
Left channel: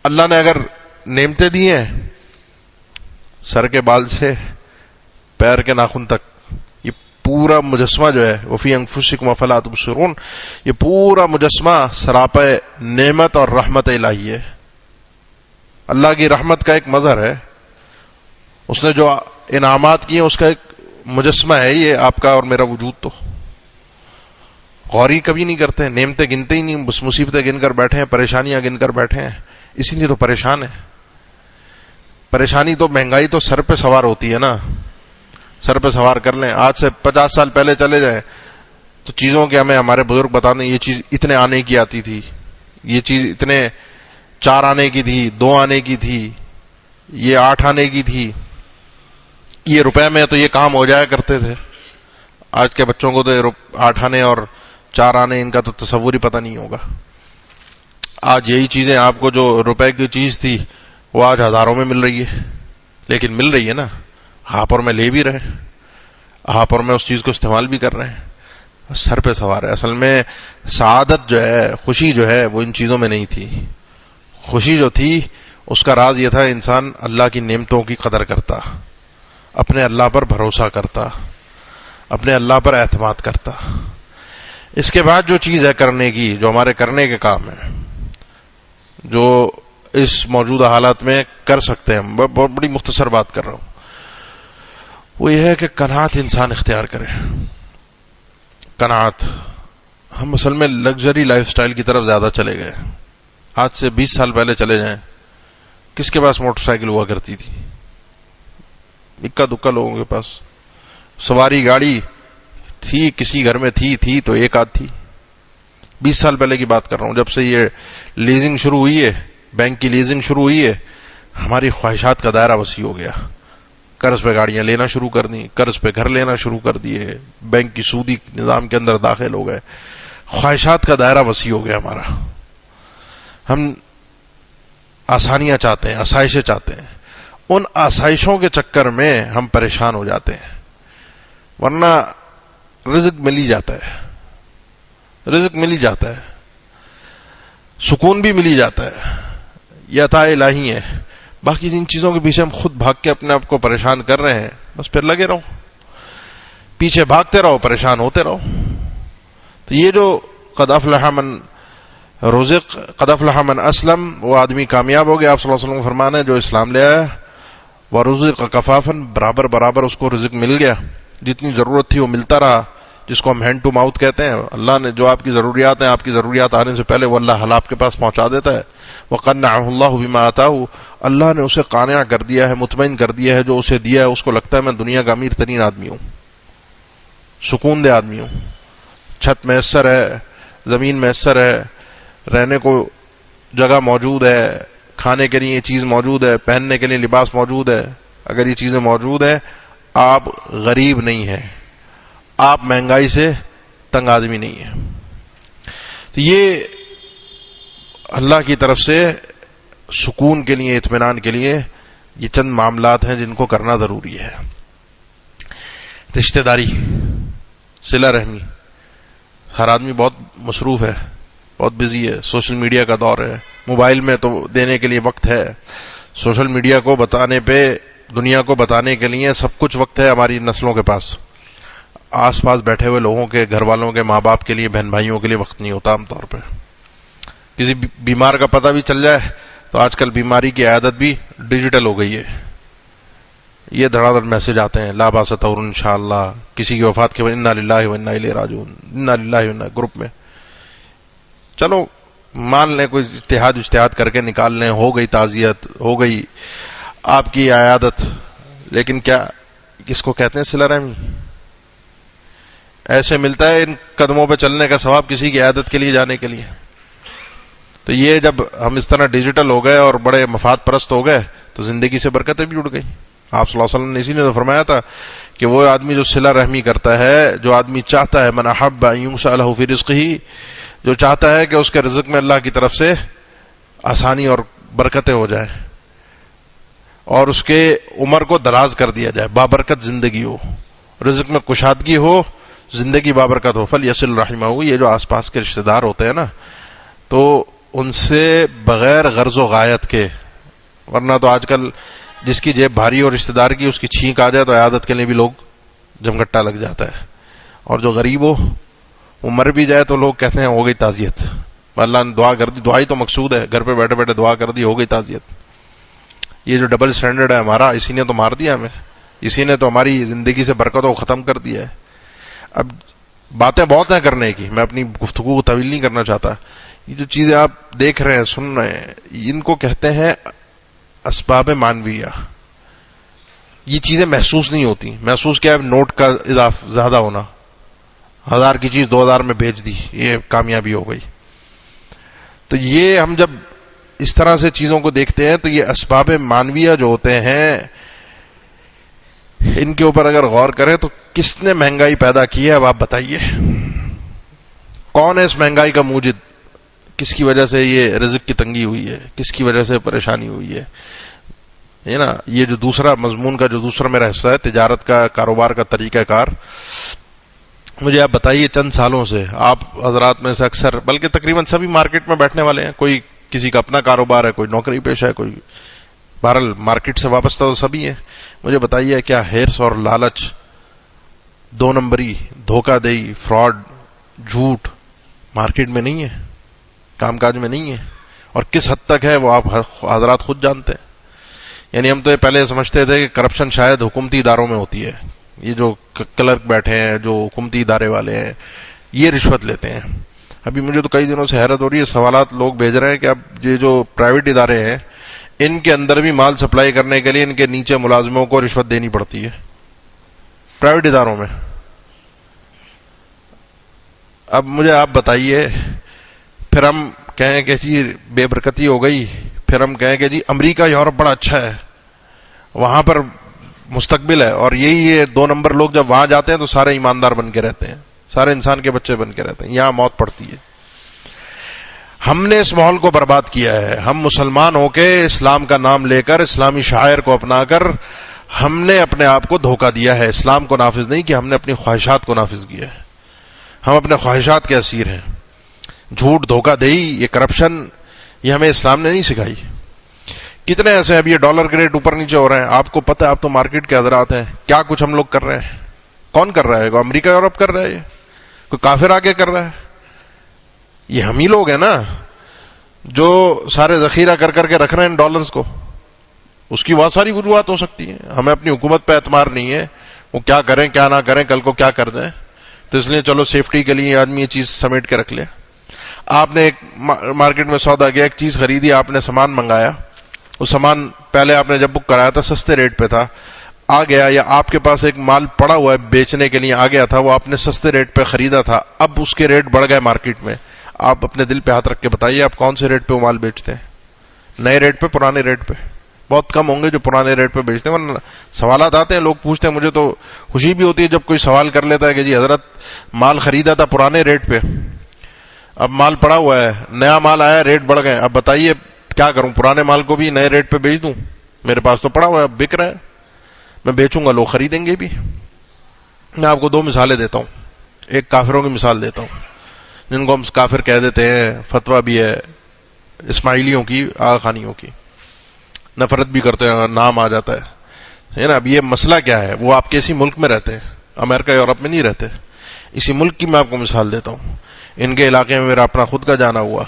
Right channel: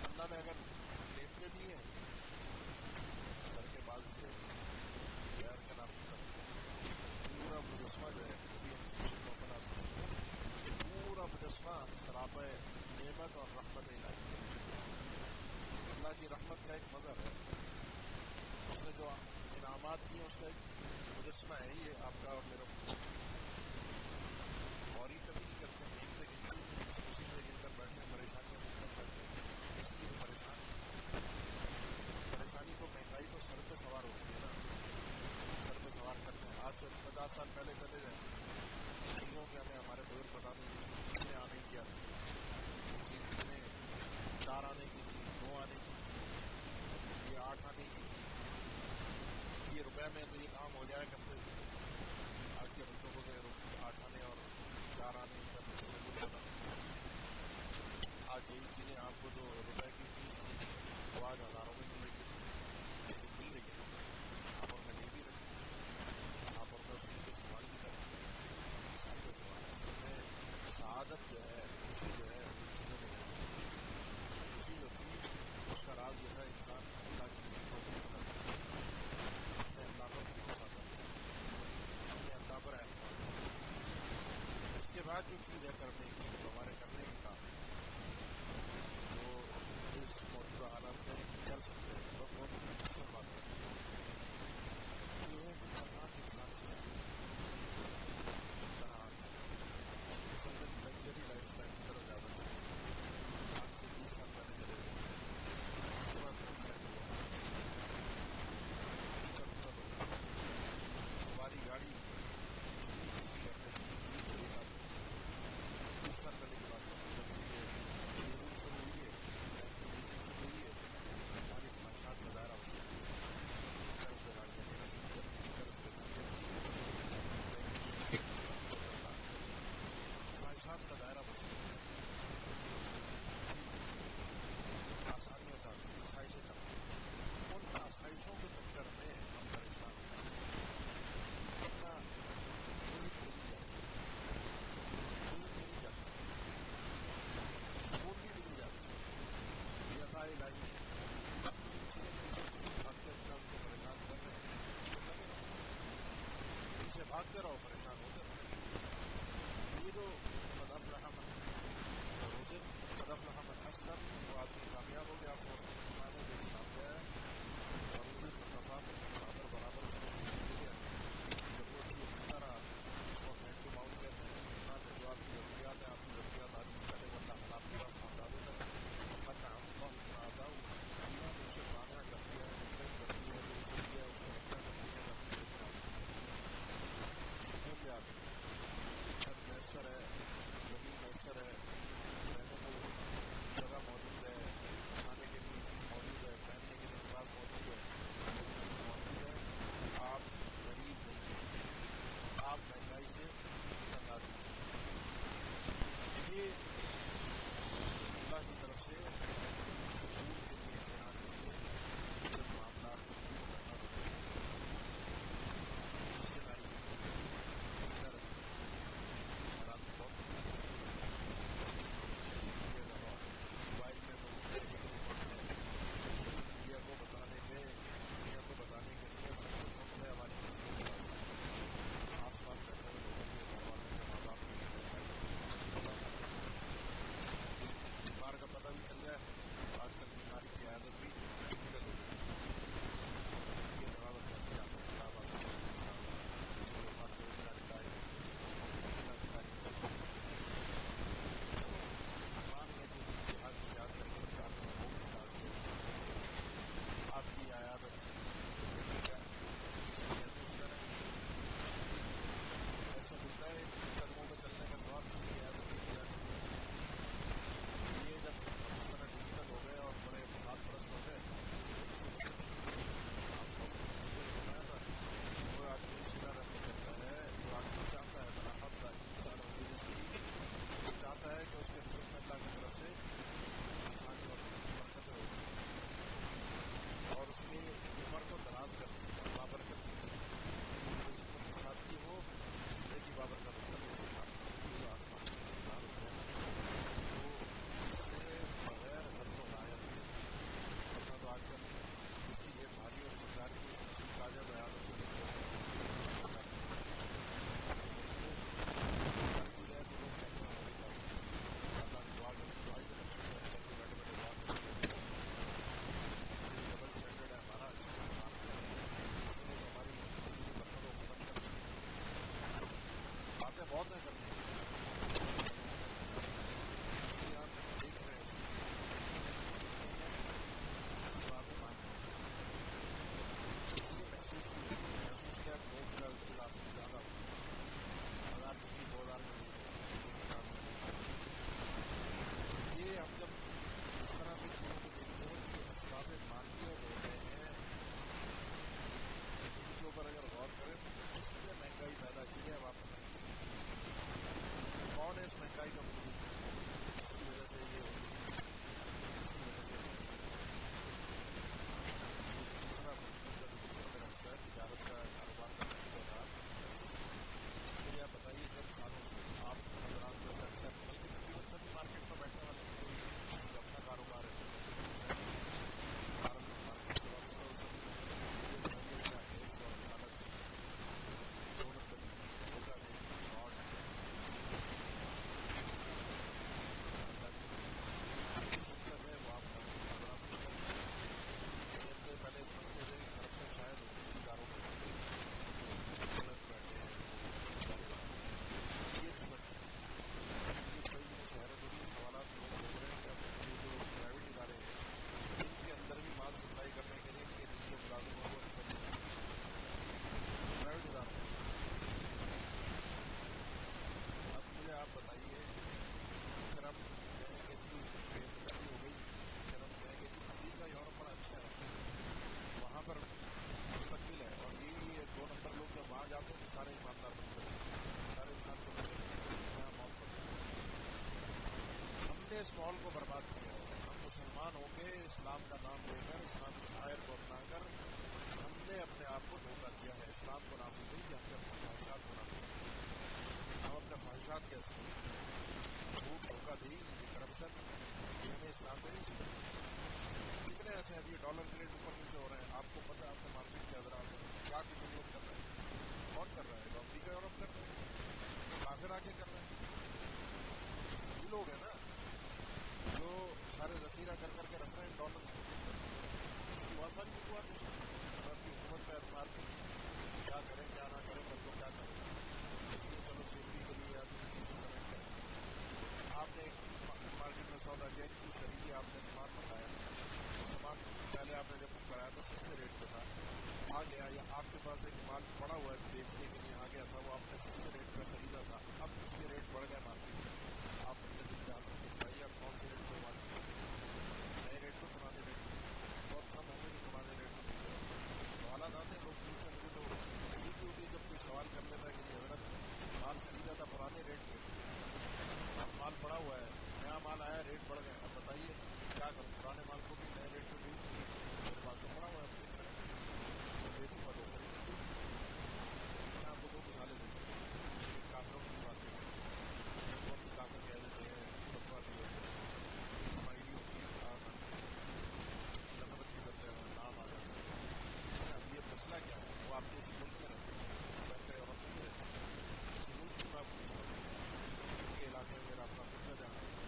اللہ نے اگر نعمتیں دی ہیں، سر کے بال سے پیر کے ناخن تک، یہ پورا مجسمہ جو ہے وفی انفسکم افلا تبصرون، یہ پورا مجسمہ سراپے نعمت اور رحمت الہی ہے. اللہ کی رحمت کا ایک مظہر ہے، اس نے جو انعامات کیے اس کا ایک مجسمہ ہے یہ آپ کا اور میرا وجود. تو غور ہی کبھی نہیں کرتے، نعمتیں گنتے ہی نہیں، بس مصیبتیں گن کر بیٹھے ہیں، پریشانیاں گن کر بیٹھے ہیں. اسی لیے تو پریشان ہے. پریشانی تو مہنگائی تو سر پہ سوار ہوتی ہے نا، سر پہ سوار کر لیں. آج سے 50 سال پہلے چلے جائیں تو چیزوں کے ہمیں ہمارے بزرگ بتاتے ہیں یہ چیز اتنے آنے کی آتی تھی، یہ چیز اتنے 4 آنے کی تھی، 2 آنے کی تھی، یہ 8 آنے کی تھی، یہ روپے میں تو یہ کام ہو جایا کرتے تھے. آج کے بچوں کو تو 8 آنے اور 4 آنے ان کا تو تصور ہی پتہ نہیں ہوگا. آج یہی چیزیں آپ کو جو روپے کی چیز تھی وہ آج ہزاروں میں مل رہی ہے، لیکن مل رہی ہے نا، ہاں پر میں لے بھی رہے، ہاں پر میں اس چیز کو استعمال بھی کر رہے ہیں، سر پہ سوار ہے. اصل میں سعادت جو ہے، خوشی جو ہے، وہ ان چیزوں میں نہیں تھی. خوشی جو تھی اس کا راز یہ تھا انسان اللہ کی نعمتوں کی قدر کرتا، اپنے اللہ پر بھروسہ کرتا، اپنے اللہ پر اعتماد کرتا. اس کے بعد جو چیز ہے کرنے کی، جو ہمارے کرنے کے کام ہے، جو اس موجودہ حالات میں کر سکتے ہیں، بہت بڑی مختصر بات کر رہا ہوں، وہ یہ ہے کہ قناعت انسان اختیار کرے. قناعت. ہم اصل میں لگژری لائف سٹائل کی طرف زیادہ چلے گئے. آج سے 20 سال پہلے چلے جائیں، کس کے پاس موٹر سائیکل ہوا کرتی تھی؟ اکا دکا لوگوں کے پاس. سواری گاڑی تھی، کسی گھر میں تھی تو ایک آدھ تھی. 20 سال پہلے کی بات کر رہا ہوں. جب سے یہ لیزنگ شروع ہوئی ہے، بینک کی لیزنگ شروع ہوئی ہے، ہماری خواہشات کا دائرہ وسیع ہو گیا. قرض پہ گاڑیاں لینا شروع کر دیں، قرض پہ گھر لینا شروع کر دیے، بینک کی سودی نظام کے اندر داخل ہو گئے. خواہشات کا دائرہ وسیع ہو گیا ہمارا. ہم آسانیاں چاہتے ہیں، آسائشیں چاہتے ہیں. ان آسائشوں کے چکر میں ہم پریشان ہو جاتے ہیں. ورنہ رزق مل ہی جاتا ہے، رزق مل ہی جاتا ہے، سکون بھی مل ہی جاتا ہے، یہ عطا الہی ہے. باقی جن چیزوں کے پیچھے ہم خود بھاگ کے اپنے آپ کو پریشان کر رہے ہیں، بس پھر لگے رہو، پیچھے بھاگتے رہو، پریشان ہوتے رہو. تو یہ جو قد افلح من رزق قد افلح من اسلم، وہ آدمی کامیاب ہو گیا. آپ صلی اللہ علیہ وسلم کا فرمان ہے جو اسلام لے آیا. ورزق کفافن، برابر برابر اس کو رزق مل گیا، جتنی ضرورت تھی وہ ملتا رہا، جس کو ہم ہینڈ ٹو ماؤتھ کہتے ہیں. اللہ نے جو آپ کی ضروریات ہیں، آپ کی ضروریات آنے سے پہلے وہ اللہ آپ کے پاس پہنچا دیتا ہے. وقنعه اللہ بما آتاه، اللہ نے اسے قانع کر دیا ہے، مطمئن کر دیا ہے جو اسے دیا ہے. اس کو لگتا ہے میں دنیا کا امیر ترین آدمی ہوں، سکون دہ آدمی ہوں. چھت میسر ہے، زمین میسر ہے، رہنے کو جگہ موجود ہے، کھانے کے لیے یہ چیز موجود ہے، پہننے کے لیے لباس موجود ہے. اگر یہ چیزیں موجود ہیں، آپ غریب نہیں ہیں، آپ مہنگائی سے تنگ آدمی نہیں ہیں. تو یہ اللہ کی طرف سے سکون کے لیے، اطمینان کے لیے یہ چند معاملات ہیں جن کو کرنا ضروری ہے. رشتہ داری، صلہ رحمی. ہر آدمی بہت مصروف ہے، بہت بزی ہے. سوشل میڈیا کا دور ہے، موبائل میں تو دینے کے لیے وقت ہے، سوشل میڈیا کو بتانے پہ، دنیا کو بتانے کے لیے سب کچھ وقت ہے ہماری نسلوں کے پاس. آس پاس بیٹھے ہوئے لوگوں کے، گھر والوں کے، ماں باپ کے لیے، بہن بھائیوں کے لیے وقت نہیں ہوتا عام طور پہ. کسی بیمار کا پتہ بھی چل جائے تو آج کل بیماری کی عیادت بھی ڈیجیٹل ہو گئی ہے. یہ دھڑا دھڑ میسج آتے ہیں، لا باس طور انشاءاللہ، کسی کی وفات کے بعد انا للہ و انا الیہ راجعون، انا للہ و انا، گروپ میں. چلو مان لیں کوئی اجتہاد کر کے نکال لیں، ہو گئی تعزیت، ہو گئی آپ کی عیادت. لیکن کیا کس کو کہتے ہیں صلہ رحمی؟ ایسے ملتا ہے ان قدموں پہ چلنے کا ثواب کسی کی عیادت کے لیے جانے کے لیے؟ تو یہ جب ہم اس طرح ڈیجیٹل ہو گئے اور بڑے مفاد پرست ہو گئے تو زندگی سے برکتیں بھی اڑ گئی. آپ صلی اللہ علیہ وسلم نے اسی نے تو فرمایا تھا کہ وہ آدمی جو صلہ رحمی کرتا ہے، جو آدمی چاہتا ہے، من احب ان ینصح له فی رزقہ، جو چاہتا ہے کہ اس کے رزق میں اللہ کی طرف سے آسانی اور برکتیں ہو جائیں اور اس کے عمر کو دراز کر دیا جائے، بابرکت زندگی ہو، رزق میں کشادگی ہو، زندگی بابرکت ہو، فلیصل رحمہ. یہ جو آس پاس کے رشتہ دار ہوتے ہیں نا، تو ان سے بغیر غرض و غایت کے، ورنہ تو آج کل جس کی جیب بھاری ہو رشتہ دار کی، اس کی چھینک آ جائے تو عیادت کے لیے بھی لوگ جمگٹا لگ جاتا ہے. اور جو غریب ہو وہ مر بھی جائے تو لوگ کہتے ہیں ہو گئی تعزیت، اللہ نے دعا کر دی. دعائی تو مقصود ہے، گھر پہ بیٹھے بیٹھے دعا کر دی، ہو گئی تعزیت. یہ جو ڈبل سٹینڈرڈ ہے ہمارا، اسی نے تو مار دیا ہمیں، اسی نے تو ہماری زندگی سے برکتوں کو ختم کر دیا ہے. اب باتیں بہت ہیں کرنے کی، میں اپنی گفتگو کو طویل نہیں کرنا چاہتا. یہ جو چیزیں آپ دیکھ رہے ہیں، سن رہے ہیں، ان کو کہتے ہیں اسباب معنویہ. یہ چیزیں محسوس نہیں ہوتی. محسوس کیا ہے؟ نوٹ کا زیادہ ہونا، 1000 کی چیز 2000 میں بیچ دی، یہ کامیابی ہو گئی. تو یہ ہم جب اس طرح سے چیزوں کو دیکھتے ہیں تو یہ اسباب معنویہ جو ہوتے ہیں، ان کے اوپر اگر غور کریں تو کس نے مہنگائی پیدا کی ہے؟ اب آپ بتائیے، کون ہے اس مہنگائی کا موجد؟ کس کی وجہ سے یہ رزق کی تنگی ہوئی ہے؟ کس کی وجہ سے پریشانی ہوئی ہے نا؟ یہ جو دوسرا مضمون کا جو دوسرا میرا حصہ ہے، تجارت کا، کاروبار کا طریقہ کار، مجھے آپ بتائیے چند سالوں سے آپ حضرات میں سے اکثر، بلکہ تقریباً سبھی مارکیٹ میں بیٹھنے والے ہیں، کوئی کسی کا اپنا کاروبار ہے، کوئی نوکری پیشہ ہے، کوئی بہرحال مارکیٹ سے وابستہ تو سبھی ہیں. مجھے بتائیے کیا ہرس اور لالچ، 2 نمبری، دھوکہ دہی، فراڈ، جھوٹ مارکیٹ میں نہیں ہے، کام کاج میں نہیں ہے؟ اور کس حد تک ہے وہ آپ حضرات خود جانتے ہیں. یعنی ہم تو یہ پہلے سمجھتے تھے کہ کرپشن شاید حکومتی اداروں میں ہوتی ہے، یہ جو کلرک بیٹھے ہیں، جو حکومتی ادارے والے ہیں، یہ رشوت لیتے ہیں. ابھی مجھے تو کئی دنوں سے حیرت ہو رہی ہے، سوالات لوگ بھیج رہے ہیں کہ اب یہ جو پرائیویٹ ادارے ہیں، ان کے اندر بھی مال سپلائی کرنے کے لیے ان کے نیچے ملازموں کو رشوت دینی پڑتی ہے پرائیویٹ اداروں میں. اب مجھے آپ بتائیے، پھر ہم کہیں کہ جی بے برکتی ہو گئی، پھر ہم کہیں کہ جی امریکہ یورپ بڑا اچھا ہے، وہاں پر مستقبل ہے، اور یہی یہ 2 نمبر لوگ جب وہاں جاتے ہیں تو سارے ایماندار بن کے رہتے ہیں، سارے انسان کے بچے بن کے رہتے ہیں، یہاں موت پڑتی ہے. ہم نے اس ماحول کو برباد کیا ہے. ہم مسلمان ہو کے اسلام کا نام لے کر، اسلامی شعائر کو اپنا کر، ہم نے اپنے آپ کو دھوکہ دیا ہے. اسلام کو نافذ نہیں کیا، ہم نے اپنی خواہشات کو نافذ کیا ہے. ہم اپنے خواہشات کے اسیر ہیں. جھوٹ، دھوکہ دہی، یہ کرپشن، یہ ہمیں اسلام نے نہیں سکھائی. کتنے ایسے اب یہ ڈالر کے ریٹ اوپر نیچے ہو رہے ہیں، آپ کو پتہ ہے، آپ تو مارکیٹ کے حضرات ہیں، کیا کچھ ہم لوگ کر رہے ہیں. کون کر رہا ہے؟ امریکہ یورپ کر رہا ہے؟ یہ کوئی کافر آگے کر رہا ہے؟ یہ ہم ہی لوگ ہیں نا. جو سارے ذخیرہ کر کر کے رکھ رہے ہیں ڈالرز کو، اس کی بہت ساری وجوہات ہو سکتی ہیں. ہمیں اپنی حکومت پہ اعتماد نہیں ہے، وہ کیا کریں کیا نہ کریں، کل کو کیا کر دیں، تو اس لیے چلو سیفٹی کے لیے آدمی یہ چیز سمیٹ کے رکھ لے. آپ نے ایک مارکیٹ میں سودا کیا، ایک چیز خریدی، آپ نے سامان منگایا، وہ سامان پہلے آپ نے جب بک کرایا تھا سستے ریٹ پہ تھا، آ گیا، یا آپ کے پاس ایک مال پڑا ہوا ہے بیچنے کے لیے آ گیا تھا، وہ آپ نے سستے ریٹ پہ خریدا تھا، اب اس کے ریٹ بڑھ گئے مارکیٹ میں. آپ اپنے دل پہ ہاتھ رکھ کے بتائیے آپ کون سے ریٹ پہ وہ مال بیچتے ہیں؟ نئے ریٹ پہ، پرانے ریٹ پہ؟ بہت کم ہوں گے جو پرانے ریٹ پہ بیچتے ہیں. ورنہ سوالات آتے ہیں، لوگ پوچھتے ہیں، مجھے تو خوشی بھی ہوتی ہے جب کوئی سوال کر لیتا ہے کہ جی حضرت مال خریدا تھا پرانے ریٹ پہ، اب مال پڑا ہوا ہے، نیا مال آیا، ریٹ بڑھ گئے، اب بتائیے کیا کروں، پرانے مال کو بھی نئے ریٹ پہ بیچ دوں؟ میرے پاس تو پڑا ہوا ہے، اب بک رہا ہے، میں بیچوں گا، لوگ خریدیں گے بھی. میں آپ کو دو مثالیں دیتا ہوں. ایک کافروں کی مثال دیتا ہوں جن کو ہم کافر کہہ دیتے ہیں، فتویٰ بھی ہے اسماعیلیوں کی، آغا خانیوں کی، نفرت بھی کرتے ہیں، نام آ جاتا ہے نا. اب یہ مسئلہ کیا ہے، وہ آپ کے اسی ملک میں رہتے ہیں، امریکہ یورپ میں نہیں رہتے. اسی ملک کی میں آپ کو مثال دیتا ہوں. ان کے علاقے میں میرا اپنا خود کا جانا ہوا،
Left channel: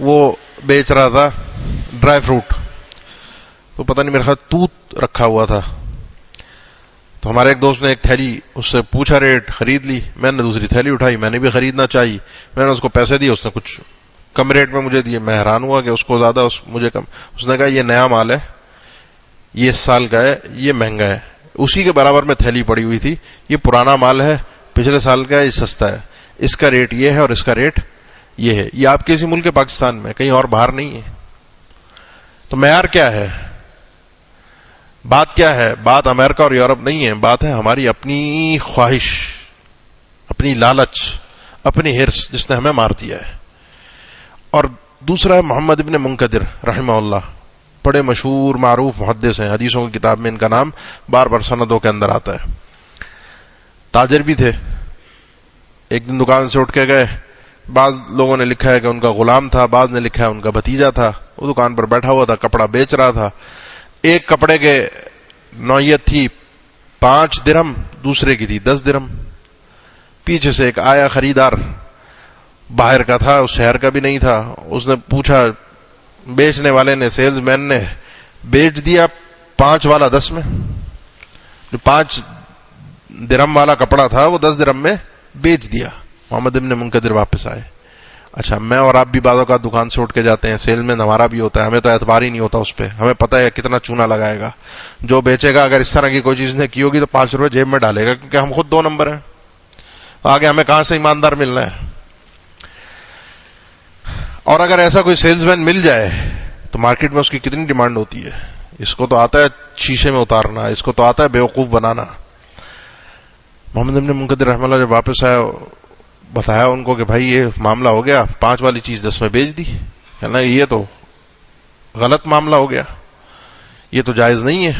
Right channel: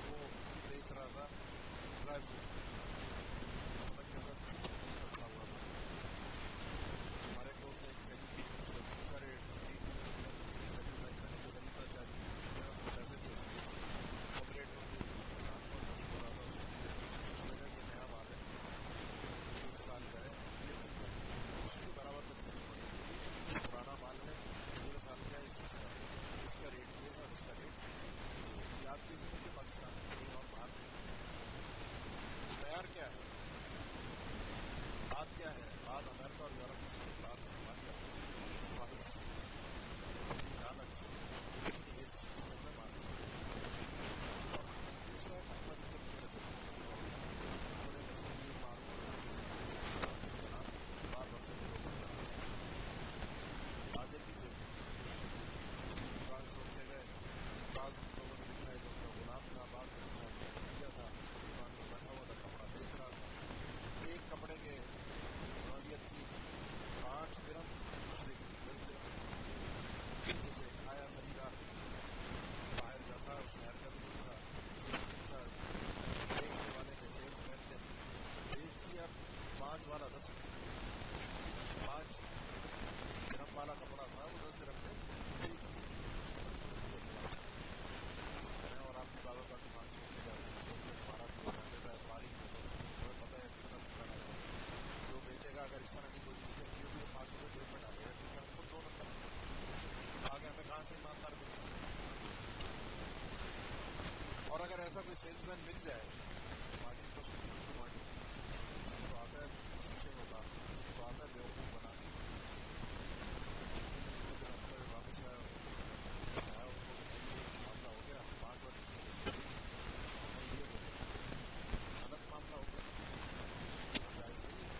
وہ بیچ رہا تھا ڈرائی فروٹ، تو پتہ نہیں میرے خیال توت رکھا ہوا تھا. تو ہمارے ایک دوست نے ایک تھیلی اس سے پوچھا، ریٹ، خرید لی. میں نے دوسری تھیلی اٹھائی، میں نے بھی خریدنا چاہی، میں نے اس کو پیسے دیے، اس نے کچھ کم ریٹ میں مجھے دیے. میں حیران ہوا کہ اس کو زیادہ، مجھے کم. اس نے کہا یہ نیا مال ہے، یہ اس سال کا ہے، یہ مہنگا ہے. اسی کے برابر میں تھیلی پڑی ہوئی تھی، یہ پرانا مال ہے، پچھلے سال کا ہے، یہ سستا ہے، اس کا ریٹ یہ ہے اور اس کا ریٹ یہ ہے. یہ آپ کے اسی ملک پاکستان میں، کہیں اور باہر نہیں ہے. تو معیار کیا ہے؟ بات کیا ہے؟ بات امریکہ اور یورپ نہیں ہے، بات ہے ہماری اپنی خواہش، اپنی لالچ، اپنی ہرس، جس نے ہمیں مار دیا ہے. اور دوسرا ہے محمد ابن منکدر رحمہ اللہ، بڑے مشہور معروف محدث ہیں، حدیثوں کی کتاب میں ان کا نام بار بار سندوں کے اندر آتا ہے. تاجر بھی تھے. ایک دن دکان سے اٹھ کے گئے، بعض لوگوں نے لکھا ہے کہ ان کا غلام تھا، بعض نے لکھا ہے ان کا بھتیجا تھا. وہ دکان پر بیٹھا ہوا تھا، کپڑا بیچ رہا تھا. ایک کپڑے کے نوعیت تھی 5 درہم، دوسرے کی تھی 10 درہم. پیچھے سے ایک آیا خریدار، باہر کا تھا، اس شہر کا بھی نہیں تھا. اس نے پوچھا، بیچنے والے نے، سیلز مین نے بیچ دیا 5 والا 10 میں. جو 5 درہم والا کپڑا تھا وہ 10 درہم میں بیچ دیا. محمد ابن منکدر واپس آئے. اچھا، میں اور آپ بھی بعض اوقات دکان سے اٹھ کے جاتے ہیں، سیل میں ہمارا بھی ہوتا ہے، ہمیں تو اعتبار ہی نہیں ہوتا اس پہ، ہمیں پتہ ہے کتنا چونا لگائے گا. جو بیچے گا اگر اس طرح کی کوئی چیز نے کی ہوگی تو 5 روپے جیب میں ڈالے گا، کیونکہ ہم خود 2 نمبر ہیں، آگے ہمیں کہاں سے ایماندار ملنا ہے. اور اگر ایسا کوئی سیلز مین مل جائے تو مارکیٹ میں اس کی کتنی ڈیمانڈ ہوتی ہے. اس کو تو آتا ہے شیشے میں اتارنا، اس کو تو آتا ہے بیوقوف بنانا. محمد ابن منکدر رحمہ اللہ جب واپس آیا، بتایا ان کو کہ بھائی یہ معاملہ ہو گیا، 5 والی چیز 10 میں بیچ دی. کہنا یہ تو غلط معاملہ ہو گیا، یہ تو جائز نہیں ہے.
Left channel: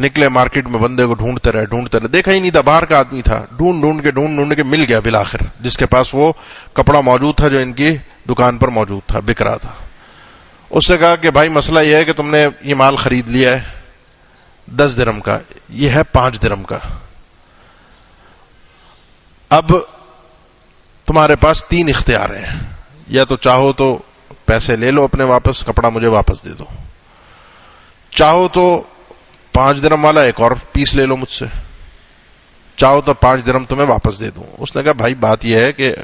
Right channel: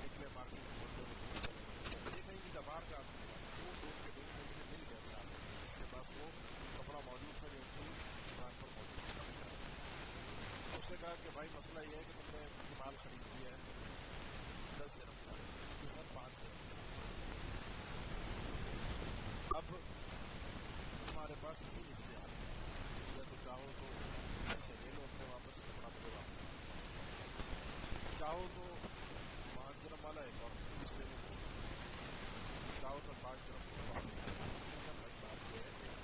نکلے مارکیٹ میں، بندے کو ڈھونڈتے رہے، دیکھا ہی نہیں تھا، باہر کا آدمی تھا. ڈھونڈ کے مل گیا بالآخر، جس کے پاس وہ کپڑا موجود تھا جو ان کی دکان پر موجود تھا، بک رہا تھا. اس سے کہا کہ بھائی مسئلہ یہ ہے کہ تم نے یہ مال خرید لیا ہے 10 درہم کا، یہ ہے 5 درہم کا. اب تمہارے پاس 3 اختیار ہیں، یا تو چاہو تو پیسے لے لو اپنے واپس، کپڑا مجھے واپس دے دو، چاہو تو 5 درہم والا ایک اور پیس لے لو مجھ سے، چاہو تو 5 درہم تمہیں واپس دے دوں. اس نے کہا بھائی بات یہ ہے کہ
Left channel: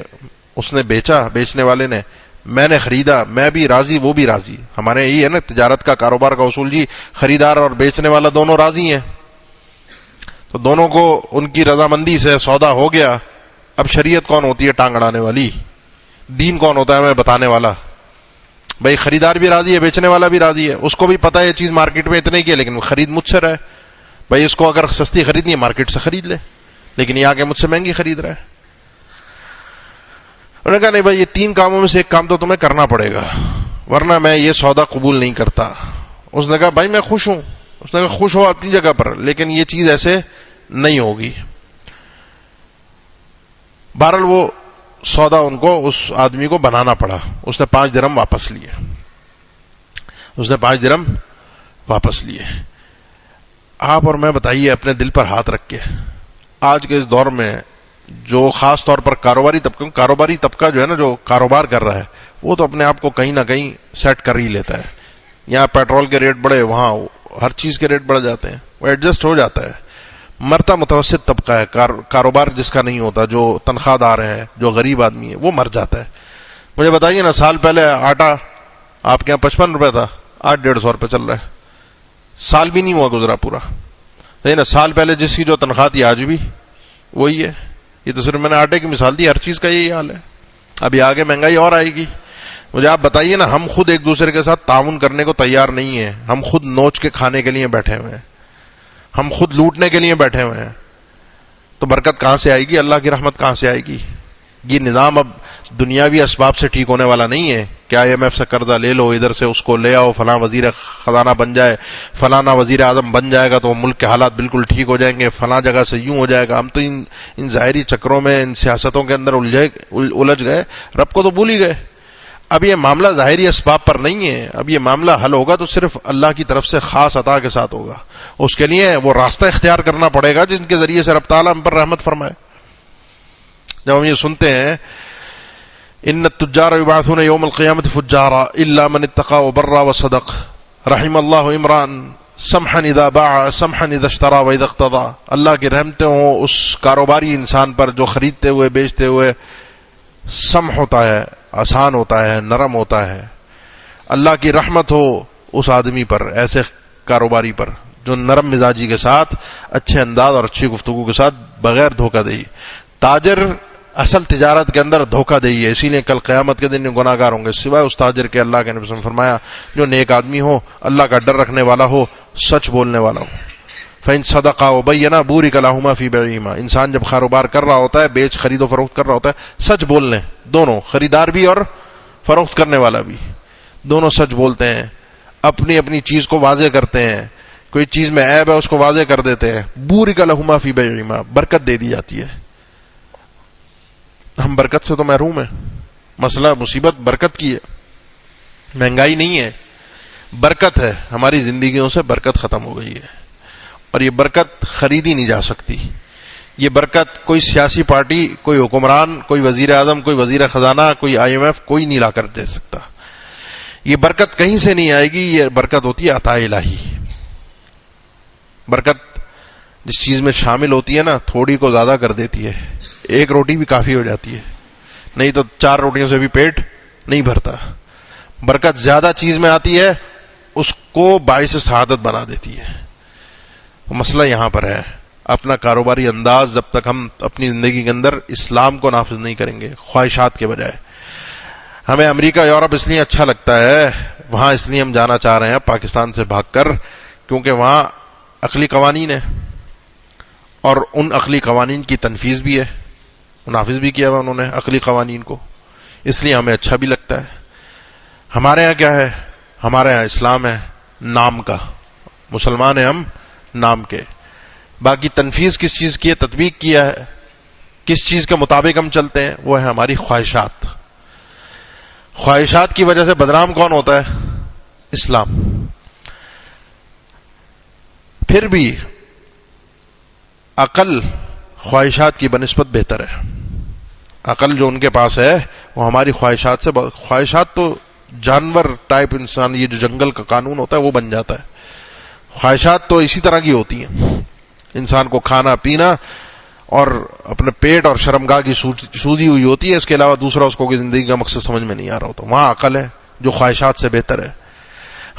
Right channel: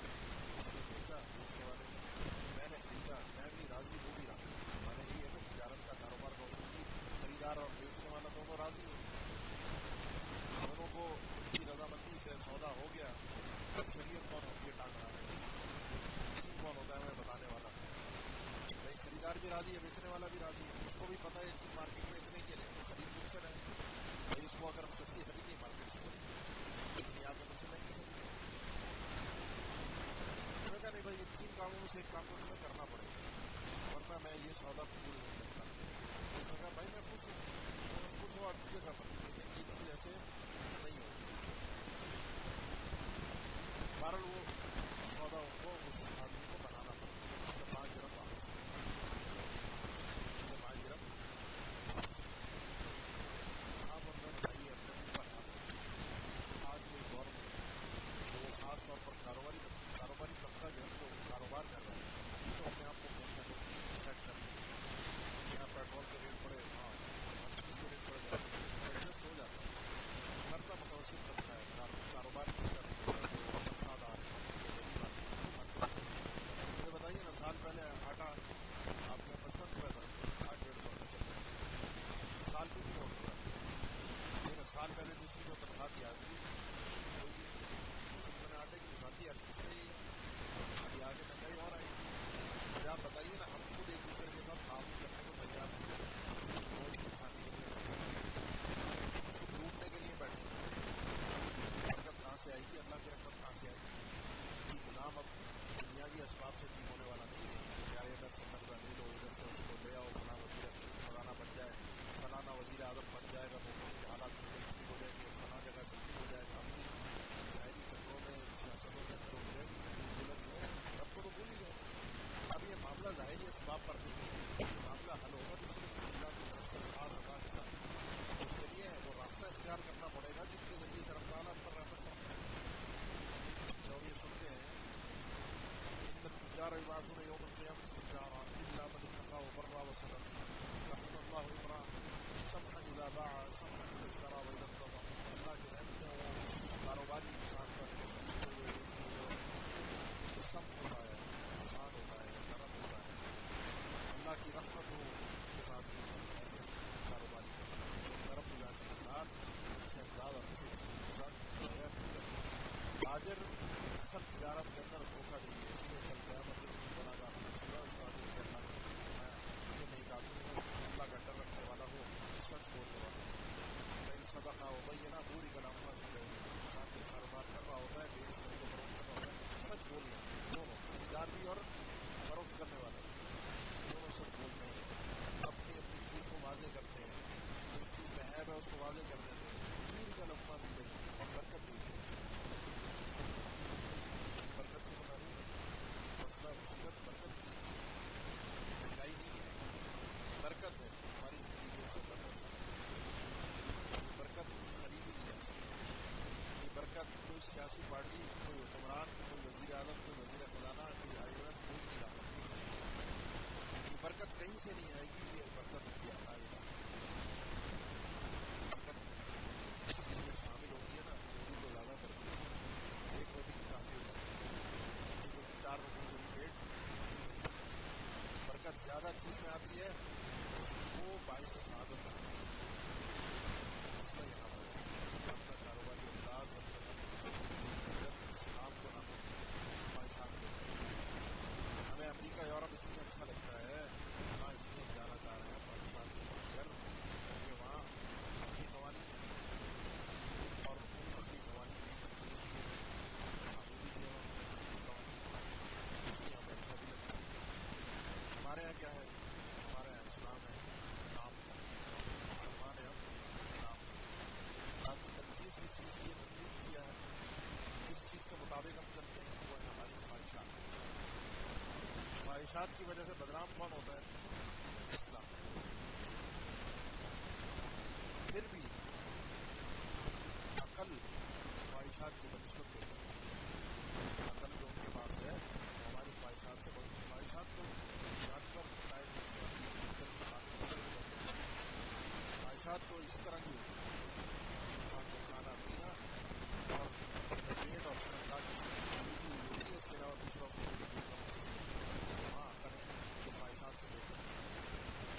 اس نے بیچا، بیچنے والے نے، میں نے خریدا، میں بھی راضی، وہ بھی راضی. ہمارے یہی ہے نا تجارت کا، کاروبار کا اصول جی، خریدار اور بیچنے والا دونوں راضی ہیں، تو دونوں کو ان کی رضامندی سے سودا ہو گیا. اب شریعت کون ہوتی ہے ٹانگ اڑانے والی؟ دین کون ہوتا ہے ہمیں بتانے والا؟ بھائی خریدار بھی راضی ہے، بیچنے والا بھی راضی ہے، اس کو بھی پتا ہے یہ چیز مارکیٹ میں اتنے کی ہے، لیکن وہ خرید مجھ سے رہا ہے. بھائی اس کو اگر سستی خریدنی ہے مارکیٹ سے خرید لے، لیکن یہ آگے مجھ سے مہنگی خرید رہا ہے. انہوں نے کہا نہیں بھائی، یہ 3 کاموں میں سے ایک کام تو تمہیں کرنا پڑے گا، ورنہ میں یہ سودا قبول نہیں کرتا. اس نے کہا بھائی میں خوش ہوں. اس نے کہا خوش ہو اپنی جگہ پر، لیکن یہ چیز ایسے نہیں ہوگی. بہرحال وہ سودا ان کو، اس آدمی کو بنانا پڑا. اس نے 5 درہم واپس لیے. آپ اور میں بتائیے اپنے دل پر ہاتھ رکھ کے، آج کے اس دور میں جو خاص طور پر کاروباری طبقہ جو ہے نا، جو کاروبار کر رہا ہے، وہ تو اپنے آپ کو کہیں نہ کہیں سیٹ کر ہی لیتا ہے. یہاں پیٹرول کے ریٹ بڑھے، وہاں ہر چیز کے ریٹ بڑھ جاتے ہیں، وہ ایڈجسٹ ہو جاتا ہے. مرتا متوسط طبقہ ہے، کاروبار جس کا نہیں ہوتا، جو تنخواہ دار ہے، جو غریب آدمی ہے، وہ مر جاتا ہے. مجھے بتائیے نا، سال پہلے آٹا آپ کے یہاں 55 روپے تھا، آج 150 روپے چل رہا ہے. سال بھی نہیں ہوا گزرا پورا. نہیں نا، سال پہلے جس کی جو تنخواہ تھی آج بھی وہی ہے. یہ تو صرف میں نے آٹے کی مثال دی، ہر چیز کا یہی حال ہے. ابھی آگے مہنگائی اور آئے گی. مجھے آپ بتائیے نا، ہم خود ایک دوسرے کے ساتھ تعاون کرنے کو تیار نہیں ہیں. ہم خود نوچ کے کھانے کے لیے بیٹھے ہوئے ہیں، ہم خود لوٹنے کے لیے بیٹھے ہوئے ہیں. تو برکت کہاں سے آئے گی؟ اللہ کی رحمت کہاں سے آئے گی؟ یہ نظام اب دنیاوی اسباب سے ٹھیک ہونے والا نہیں ہے کہ IMF سے قرضہ لے لو، ادھر سے اس کو لے آؤ، فلاں وزیر خزانہ بن جائے، فلانا وزیر اعظم بن جائے گا تو ملک کے حالات بالکل ٹھیک ہو جائیں گے، فلاں جگہ سے یوں ہو جائے گا. ہم تو ان ظاہری چکروں میں، ان سیاستوں کے اندر الجھ گئے، رب کو تو بھول ہی گئے. اب یہ معاملہ ظاہری اسباب پر نہیں ہے. اب یہ معاملہ حل ہوگا تو صرف اللہ کی طرف سے خاص عطا کے ساتھ ہوگا. اس کے لیے وہ راستہ اختیار کرنا پڑے گا جن کے ذریعے سے رب تعالیٰ ہم پر رحمت فرمائے. جب ہم یہ سنتے ہیں ان التجار یبعثون یوم القیامت فجارا الا من اتقى وبر وصدق رحم اللہ عمران سمحا اذا باع سمحا اذا اشترى واذا اقتضى. اللہ کی رحمتیں ہوں اس کاروباری انسان پر جو خریدتے ہوئے بیچتے ہوئے سمح ہوتا ہے، آسان ہوتا ہے، نرم ہوتا ہے. اللہ کی رحمت ہو اس آدمی پر، ایسے کاروباری پر جو نرم مزاجی کے ساتھ، اچھے انداز اور اچھی گفتگو کے ساتھ، بغیر دھوکہ دہی. تاجر اصل تجارت کے اندر دھوکہ دہی ہے، اسی لیے کل قیامت کے دن گناہ گار ہوں گے، سوائے اس تاجر کے اللہ کے نبی صلی اللہ علیہ وسلم نے فرمایا جو نیک آدمی ہو، اللہ کا ڈر رکھنے والا ہو، سچ بولنے والا ہو. فَإِن صَدَقَا وَبَيَّنَا بُورِكَ لَهُمَا فِي بَيْعِهِمَا. انسان جب کاروبار کر رہا ہوتا ہے، بیچ خرید و فروخت کر رہا ہوتا ہے، سچ بول لیں. دونوں، خریدار بھی اور فروخت کرنے والا بھی، دونوں سچ بولتے ہیں، اپنی اپنی چیز کو واضح کرتے ہیں. کوئی چیز میں عیب ہے اس کو واضح کر دیتے ہیں. بُورِكَ لَهُمَا فِي بَيْعِهِمَا، برکت دے دی جاتی ہے. ہم برکت سے تو محروم ہیں. مسئلہ مصیبت برکت کی ہے، مہنگائی نہیں ہے، برکت ہے. ہماری زندگیوں سے برکت ختم ہو گئی ہے، اور یہ برکت خریدی نہیں جا سکتی. یہ برکت کوئی سیاسی پارٹی، کوئی حکمران، کوئی وزیر اعظم، کوئی وزیر خزانہ، کوئی IMF، کوئی نہیں لا کر دے سکتا. یہ برکت کہیں سے نہیں آئے گی. یہ برکت ہوتی ہے عطا الہی. برکت جس چیز میں شامل ہوتی ہے نا، تھوڑی کو زیادہ کر دیتی ہے. ایک روٹی بھی کافی ہو جاتی ہے، نہیں تو 4 روٹیوں سے بھی پیٹ نہیں بھرتا. برکت زیادہ چیز میں آتی ہے، اس کو باعث سعادت بنا دیتی ہے. مسئلہ یہاں پر ہے. اپنا کاروباری انداز جب تک ہم اپنی زندگی کے اندر اسلام کو نافذ نہیں کریں گے، خواہشات کے بجائے. ہمیں امریکہ، یورپ اس لیے اچھا لگتا ہے، وہاں اس لیے ہم جانا چاہ رہے ہیں پاکستان سے بھاگ کر، کیونکہ وہاں عقلی قوانین ہے، اور ان عقلی قوانین کی تنفیذ بھی ہے، نافذ بھی کیا ہوا انہوں نے عقلی قوانین کو. اس لیے ہمیں اچھا بھی لگتا ہے. ہمارے ہاں کیا ہے؟ ہمارے ہاں اسلام ہے نام کا، مسلمان ہیں ہم نام کے. باقی تنفیذ کس چیز کی ہے، تطبیق کیا ہے، کس چیز کے مطابق ہم چلتے ہیں، وہ ہے ہماری خواہشات. خواہشات کی وجہ سے بدنام کون ہوتا ہے؟ اسلام. پھر بھی عقل خواہشات کی بنسبت بہتر ہے. عقل جو ان کے پاس ہے وہ ہماری خواہشات سے خواہشات تو جانور ٹائپ انسان، یہ جو جنگل کا قانون ہوتا ہے وہ بن جاتا ہے. خواہشات تو اسی طرح کی ہوتی ہیں، انسان کو کھانا پینا اور اپنے پیٹ اور شرمگاہ کی سودی ہوئی ہوتی ہے. اس کے علاوہ دوسرا اس کو کوئی زندگی کا مقصد سمجھ میں نہیں آ رہا ہوتا. وہاں عقل ہے جو خواہشات سے بہتر ہے.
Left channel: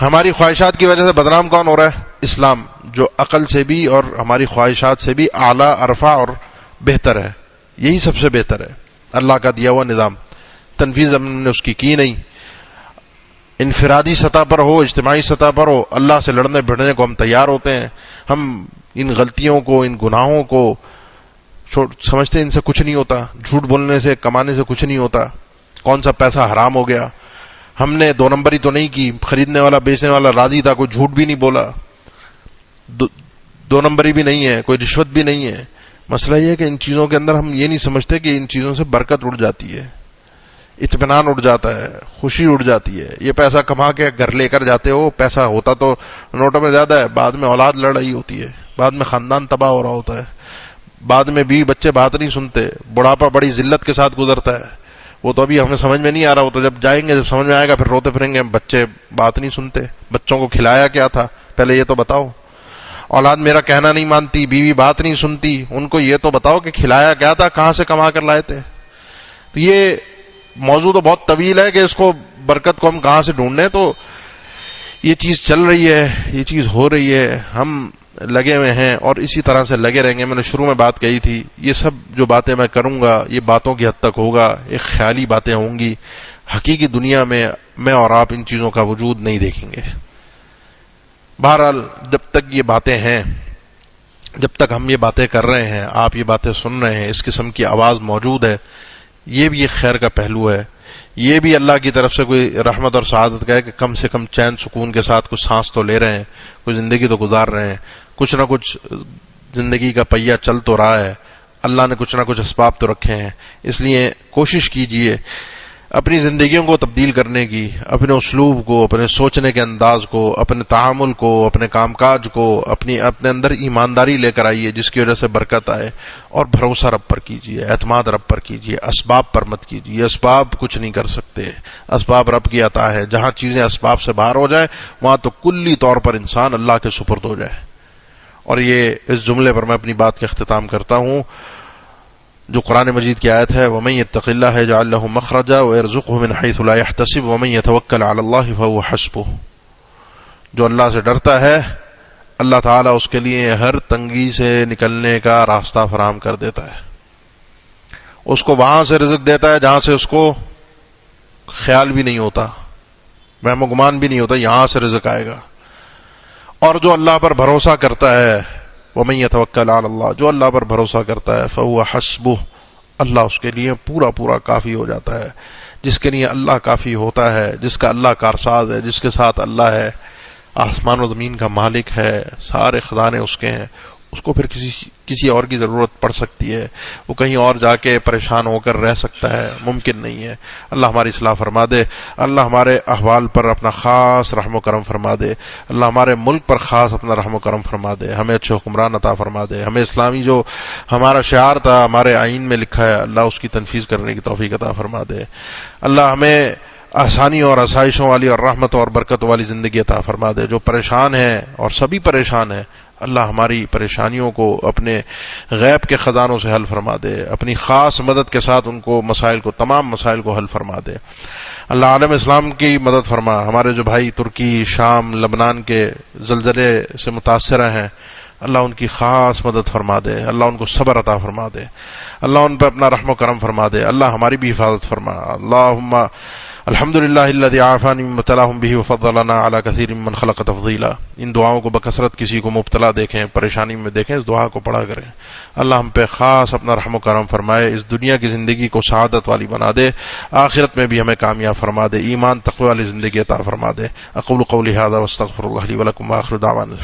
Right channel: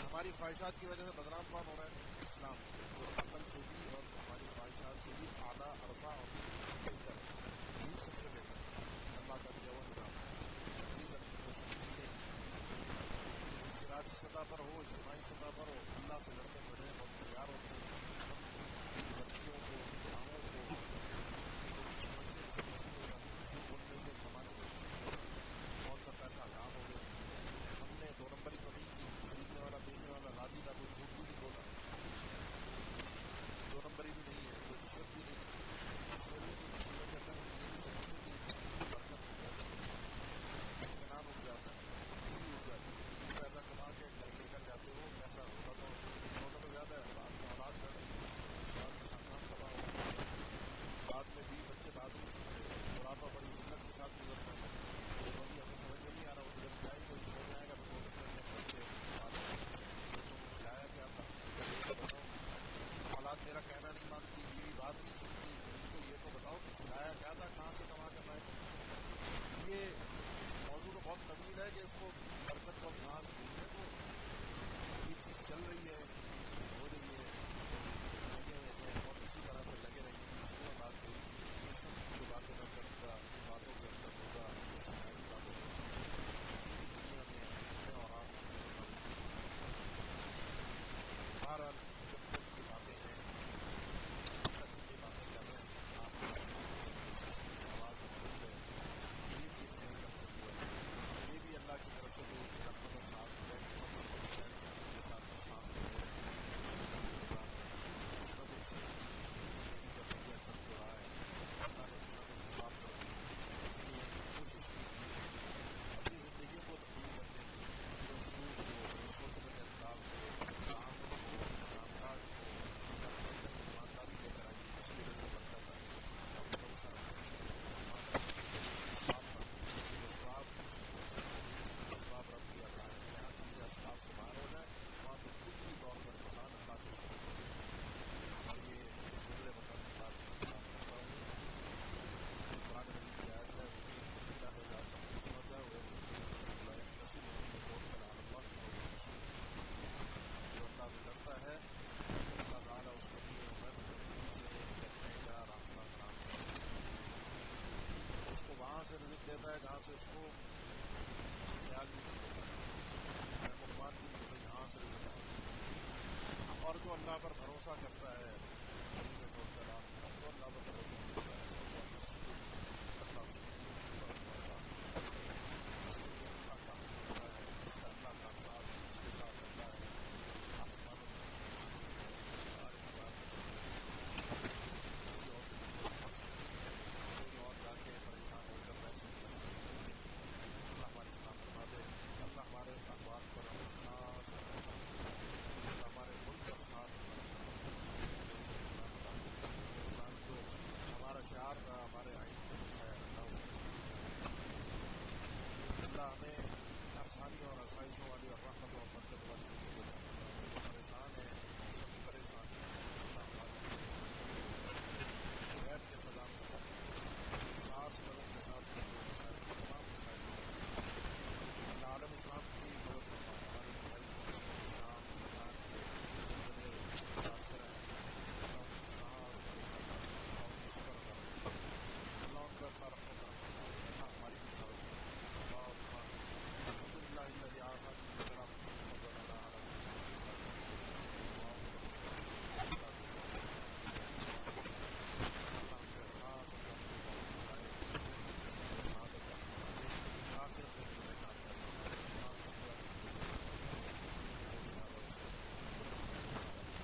ہماری خواہشات کی وجہ سے بدنام کون ہو رہا ہے؟ اسلام، جو عقل سے بھی اور ہماری خواہشات سے بھی اعلیٰ، ارفع اور بہتر ہے. یہی سب سے بہتر ہے. اللہ کا دیا ہوا نظام، تنفیذ ہم نے اس کی نہیں. انفرادی سطح پر ہو، اجتماعی سطح پر ہو، اللہ سے لڑنے بھڑنے کو ہم تیار ہوتے ہیں. ہم ان غلطیوں کو، ان گناہوں کو سمجھتے ہیں ان سے کچھ نہیں ہوتا، جھوٹ بولنے سے، کمانے سے کچھ نہیں ہوتا، کون سا پیسہ حرام ہو گیا. ہم نے 2 نمبری تو نہیں کی، خریدنے والا بیچنے والا راضی تھا، کوئی جھوٹ بھی نہیں بولا، 2 نمبری بھی نہیں ہے، کوئی رشوت بھی نہیں ہے. مسئلہ یہ ہے کہ ان چیزوں کے اندر ہم یہ نہیں سمجھتے کہ ان چیزوں سے برکت اڑ جاتی ہے، اطمینان اڑ جاتا ہے، خوشی اڑ جاتی ہے. یہ پیسہ کما کے گھر لے کر جاتے ہو، پیسہ ہوتا تو نوٹوں میں زیادہ ہے، بعد میں اولاد لڑ رہی ہوتی ہے، بعد میں خاندان تباہ ہو رہا ہوتا ہے. بعد میں بیوی بچے بات نہیں سنتے، بڑھاپا بڑی ذلت کے ساتھ گزرتا ہے، وہ تو ابھی ہمیں سمجھ میں نہیں آ رہا، وہ تو جب جائیں گے جب سمجھ میں آئے گا پھر روتے پھریں گے، بچے بات نہیں سنتے، بچوں کو کھلایا کیا تھا پہلے یہ تو بتاؤ، اولاد میرا کہنا نہیں مانتی، بیوی بات نہیں سنتی، ان کو یہ تو بتاؤ کہ کھلایا کیا تھا، کہاں سے کما کر لائے تھے۔ تو یہ موضوع تو بہت طویل ہے کہ اس کو برکت کو ہم کہاں سے ڈھونڈیں، تو یہ چیز چل رہی ہے، یہ چیز ہو رہی ہے، ہم لگے ہوئے ہیں اور اسی طرح سے لگے رہیں گے۔ میں نے شروع میں بات کہی تھی، یہ سب جو باتیں میں کروں گا یہ باتوں کی حد تک ہوگا، ایک خیالی باتیں ہوں گی، حقیقی دنیا میں اور آپ ان چیزوں کا وجود نہیں دیکھیں گے۔ بہرحال جب تک یہ باتیں ہیں، جب تک ہم یہ باتیں کر رہے ہیں، آپ یہ باتیں سن رہے ہیں، اس قسم کی آواز موجود ہے، یہ بھی ایک خیر کا پہلو ہے، یہ بھی اللہ کی طرف سے کوئی رحمت اور سعادت کا ہے کہ کم سے کم چین سکون کے ساتھ کچھ سانس تو لے رہے ہیں، کوئی زندگی تو گزار رہے ہیں، کچھ نہ کچھ زندگی کا پہیہ چل تو رہا ہے، اللہ نے کچھ نہ کچھ اسباب تو رکھے ہیں۔ اس لیے کوشش کیجئے اپنی زندگیوں کو تبدیل کرنے کی، اپنے اسلوب کو، اپنے سوچنے کے انداز کو، اپنے تعامل کو، اپنے کام کاج کو، اپنے اندر ایمانداری لے کر آئیے جس کی وجہ سے برکت آئے، اور بھروسہ رب پر کیجئے، اعتماد رب پر کیجئے، اسباب پر مت کیجئے، اسباب کچھ نہیں کر سکتے، اسباب رب کی عطا ہے، جہاں چیزیں اسباب سے باہر ہو جائیں وہاں تو کلی طور پر انسان اللہ کے سپرد ہو جائے۔ اور یہ اس جملے پر میں اپنی بات کا اختتام کرتا ہوں جو قرآن مجید کی آیت ہے، وَمَن يَتَّقِ اللَّهَ يَجْعَل لَّهُ مَخْرَجًا وَيَرْزُقْهُ مِنْ حَيْثُ لَا يَحْتَسِبُ وَمَن يَتَوَكَّلْ عَلَى اللَّهِ فَهُوَ حَسْبُهُ۔ جو اللہ سے ڈرتا ہے اللہ تعالیٰ اس کے لیے ہر تنگی سے نکلنے کا راستہ فراہم کر دیتا ہے، اس کو وہاں سے رزق دیتا ہے جہاں سے اس کو خیال بھی نہیں ہوتا، وہم و گمان بھی نہیں ہوتا یہاں سے رزق آئے گا۔ اور جو اللہ پر بھروسہ کرتا ہے، وَمَن يَتَوَكَّلْ عَلَى اللَّهِ، جو اللہ پر بھروسہ کرتا ہے، فَهُوَ حَسْبُهُ، اللہ اس کے لیے پورا پورا کافی ہو جاتا ہے۔ جس کے لیے اللہ کافی ہوتا ہے، جس کا اللہ کارساز ہے، جس کے ساتھ اللہ ہے، آسمان و زمین کا مالک ہے، سارے خزانے اس کے ہیں، اس کو پھر کسی اور کی ضرورت پڑ سکتی ہے، وہ کہیں اور جا کے پریشان ہو کر رہ سکتا ہے، ممکن نہیں ہے۔ اللہ ہماری اصلاح فرما دے، اللہ ہمارے احوال پر اپنا خاص رحم و کرم فرما دے، اللہ ہمارے ملک پر خاص اپنا رحم و کرم فرما دے، ہمیں اچھے حکمران عطا فرما دے، ہمیں اسلامی جو ہمارا شعار تھا ہمارے آئین میں لکھا ہے اللہ اس کی تنفیذ کرنے کی توفیق عطا فرما دے، اللہ ہمیں آسانی اور آسائشوں والی اور رحمت اور برکت والی زندگی عطا فرما دے۔ جو پریشان ہیں اور سبھی پریشان ہیں اللہ ہماری پریشانیوں کو اپنے غیب کے خزانوں سے حل فرما دے، اپنی خاص مدد کے ساتھ ان کو تمام مسائل کو حل فرما دے۔ اللہ عالم اسلام کی مدد فرما، ہمارے جو بھائی ترکی، شام، لبنان کے زلزلے سے متاثرہ ہیں اللہ ان کی خاص مدد فرما دے، اللہ ان کو صبر عطا فرما دے، اللہ ان پہ اپنا رحم و کرم فرما دے، اللہ ہماری بھی حفاظت فرما۔ اللہم الحمدللہ الذی عافانی مما ابتلاہم بہ وفضلنا علی کثیر ممن خلق تفضیلا۔ ان دعاؤں کو بکثرت کسی کو مبتلا دیکھیں، پریشانی میں دیکھیں، اس دعا کو پڑھا کریں۔ اللہ ہم پہ خاص اپنا رحم و کرم فرمائے، اس دنیا کی زندگی کو سعادت والی بنا دے، آخرت میں بھی ہمیں کامیاب فرما دے، ایمان تقوی والی زندگی عطا فرما دے۔ اقول قولی ھذا واستغفر اللہ لی ولکم وآخر دعوانا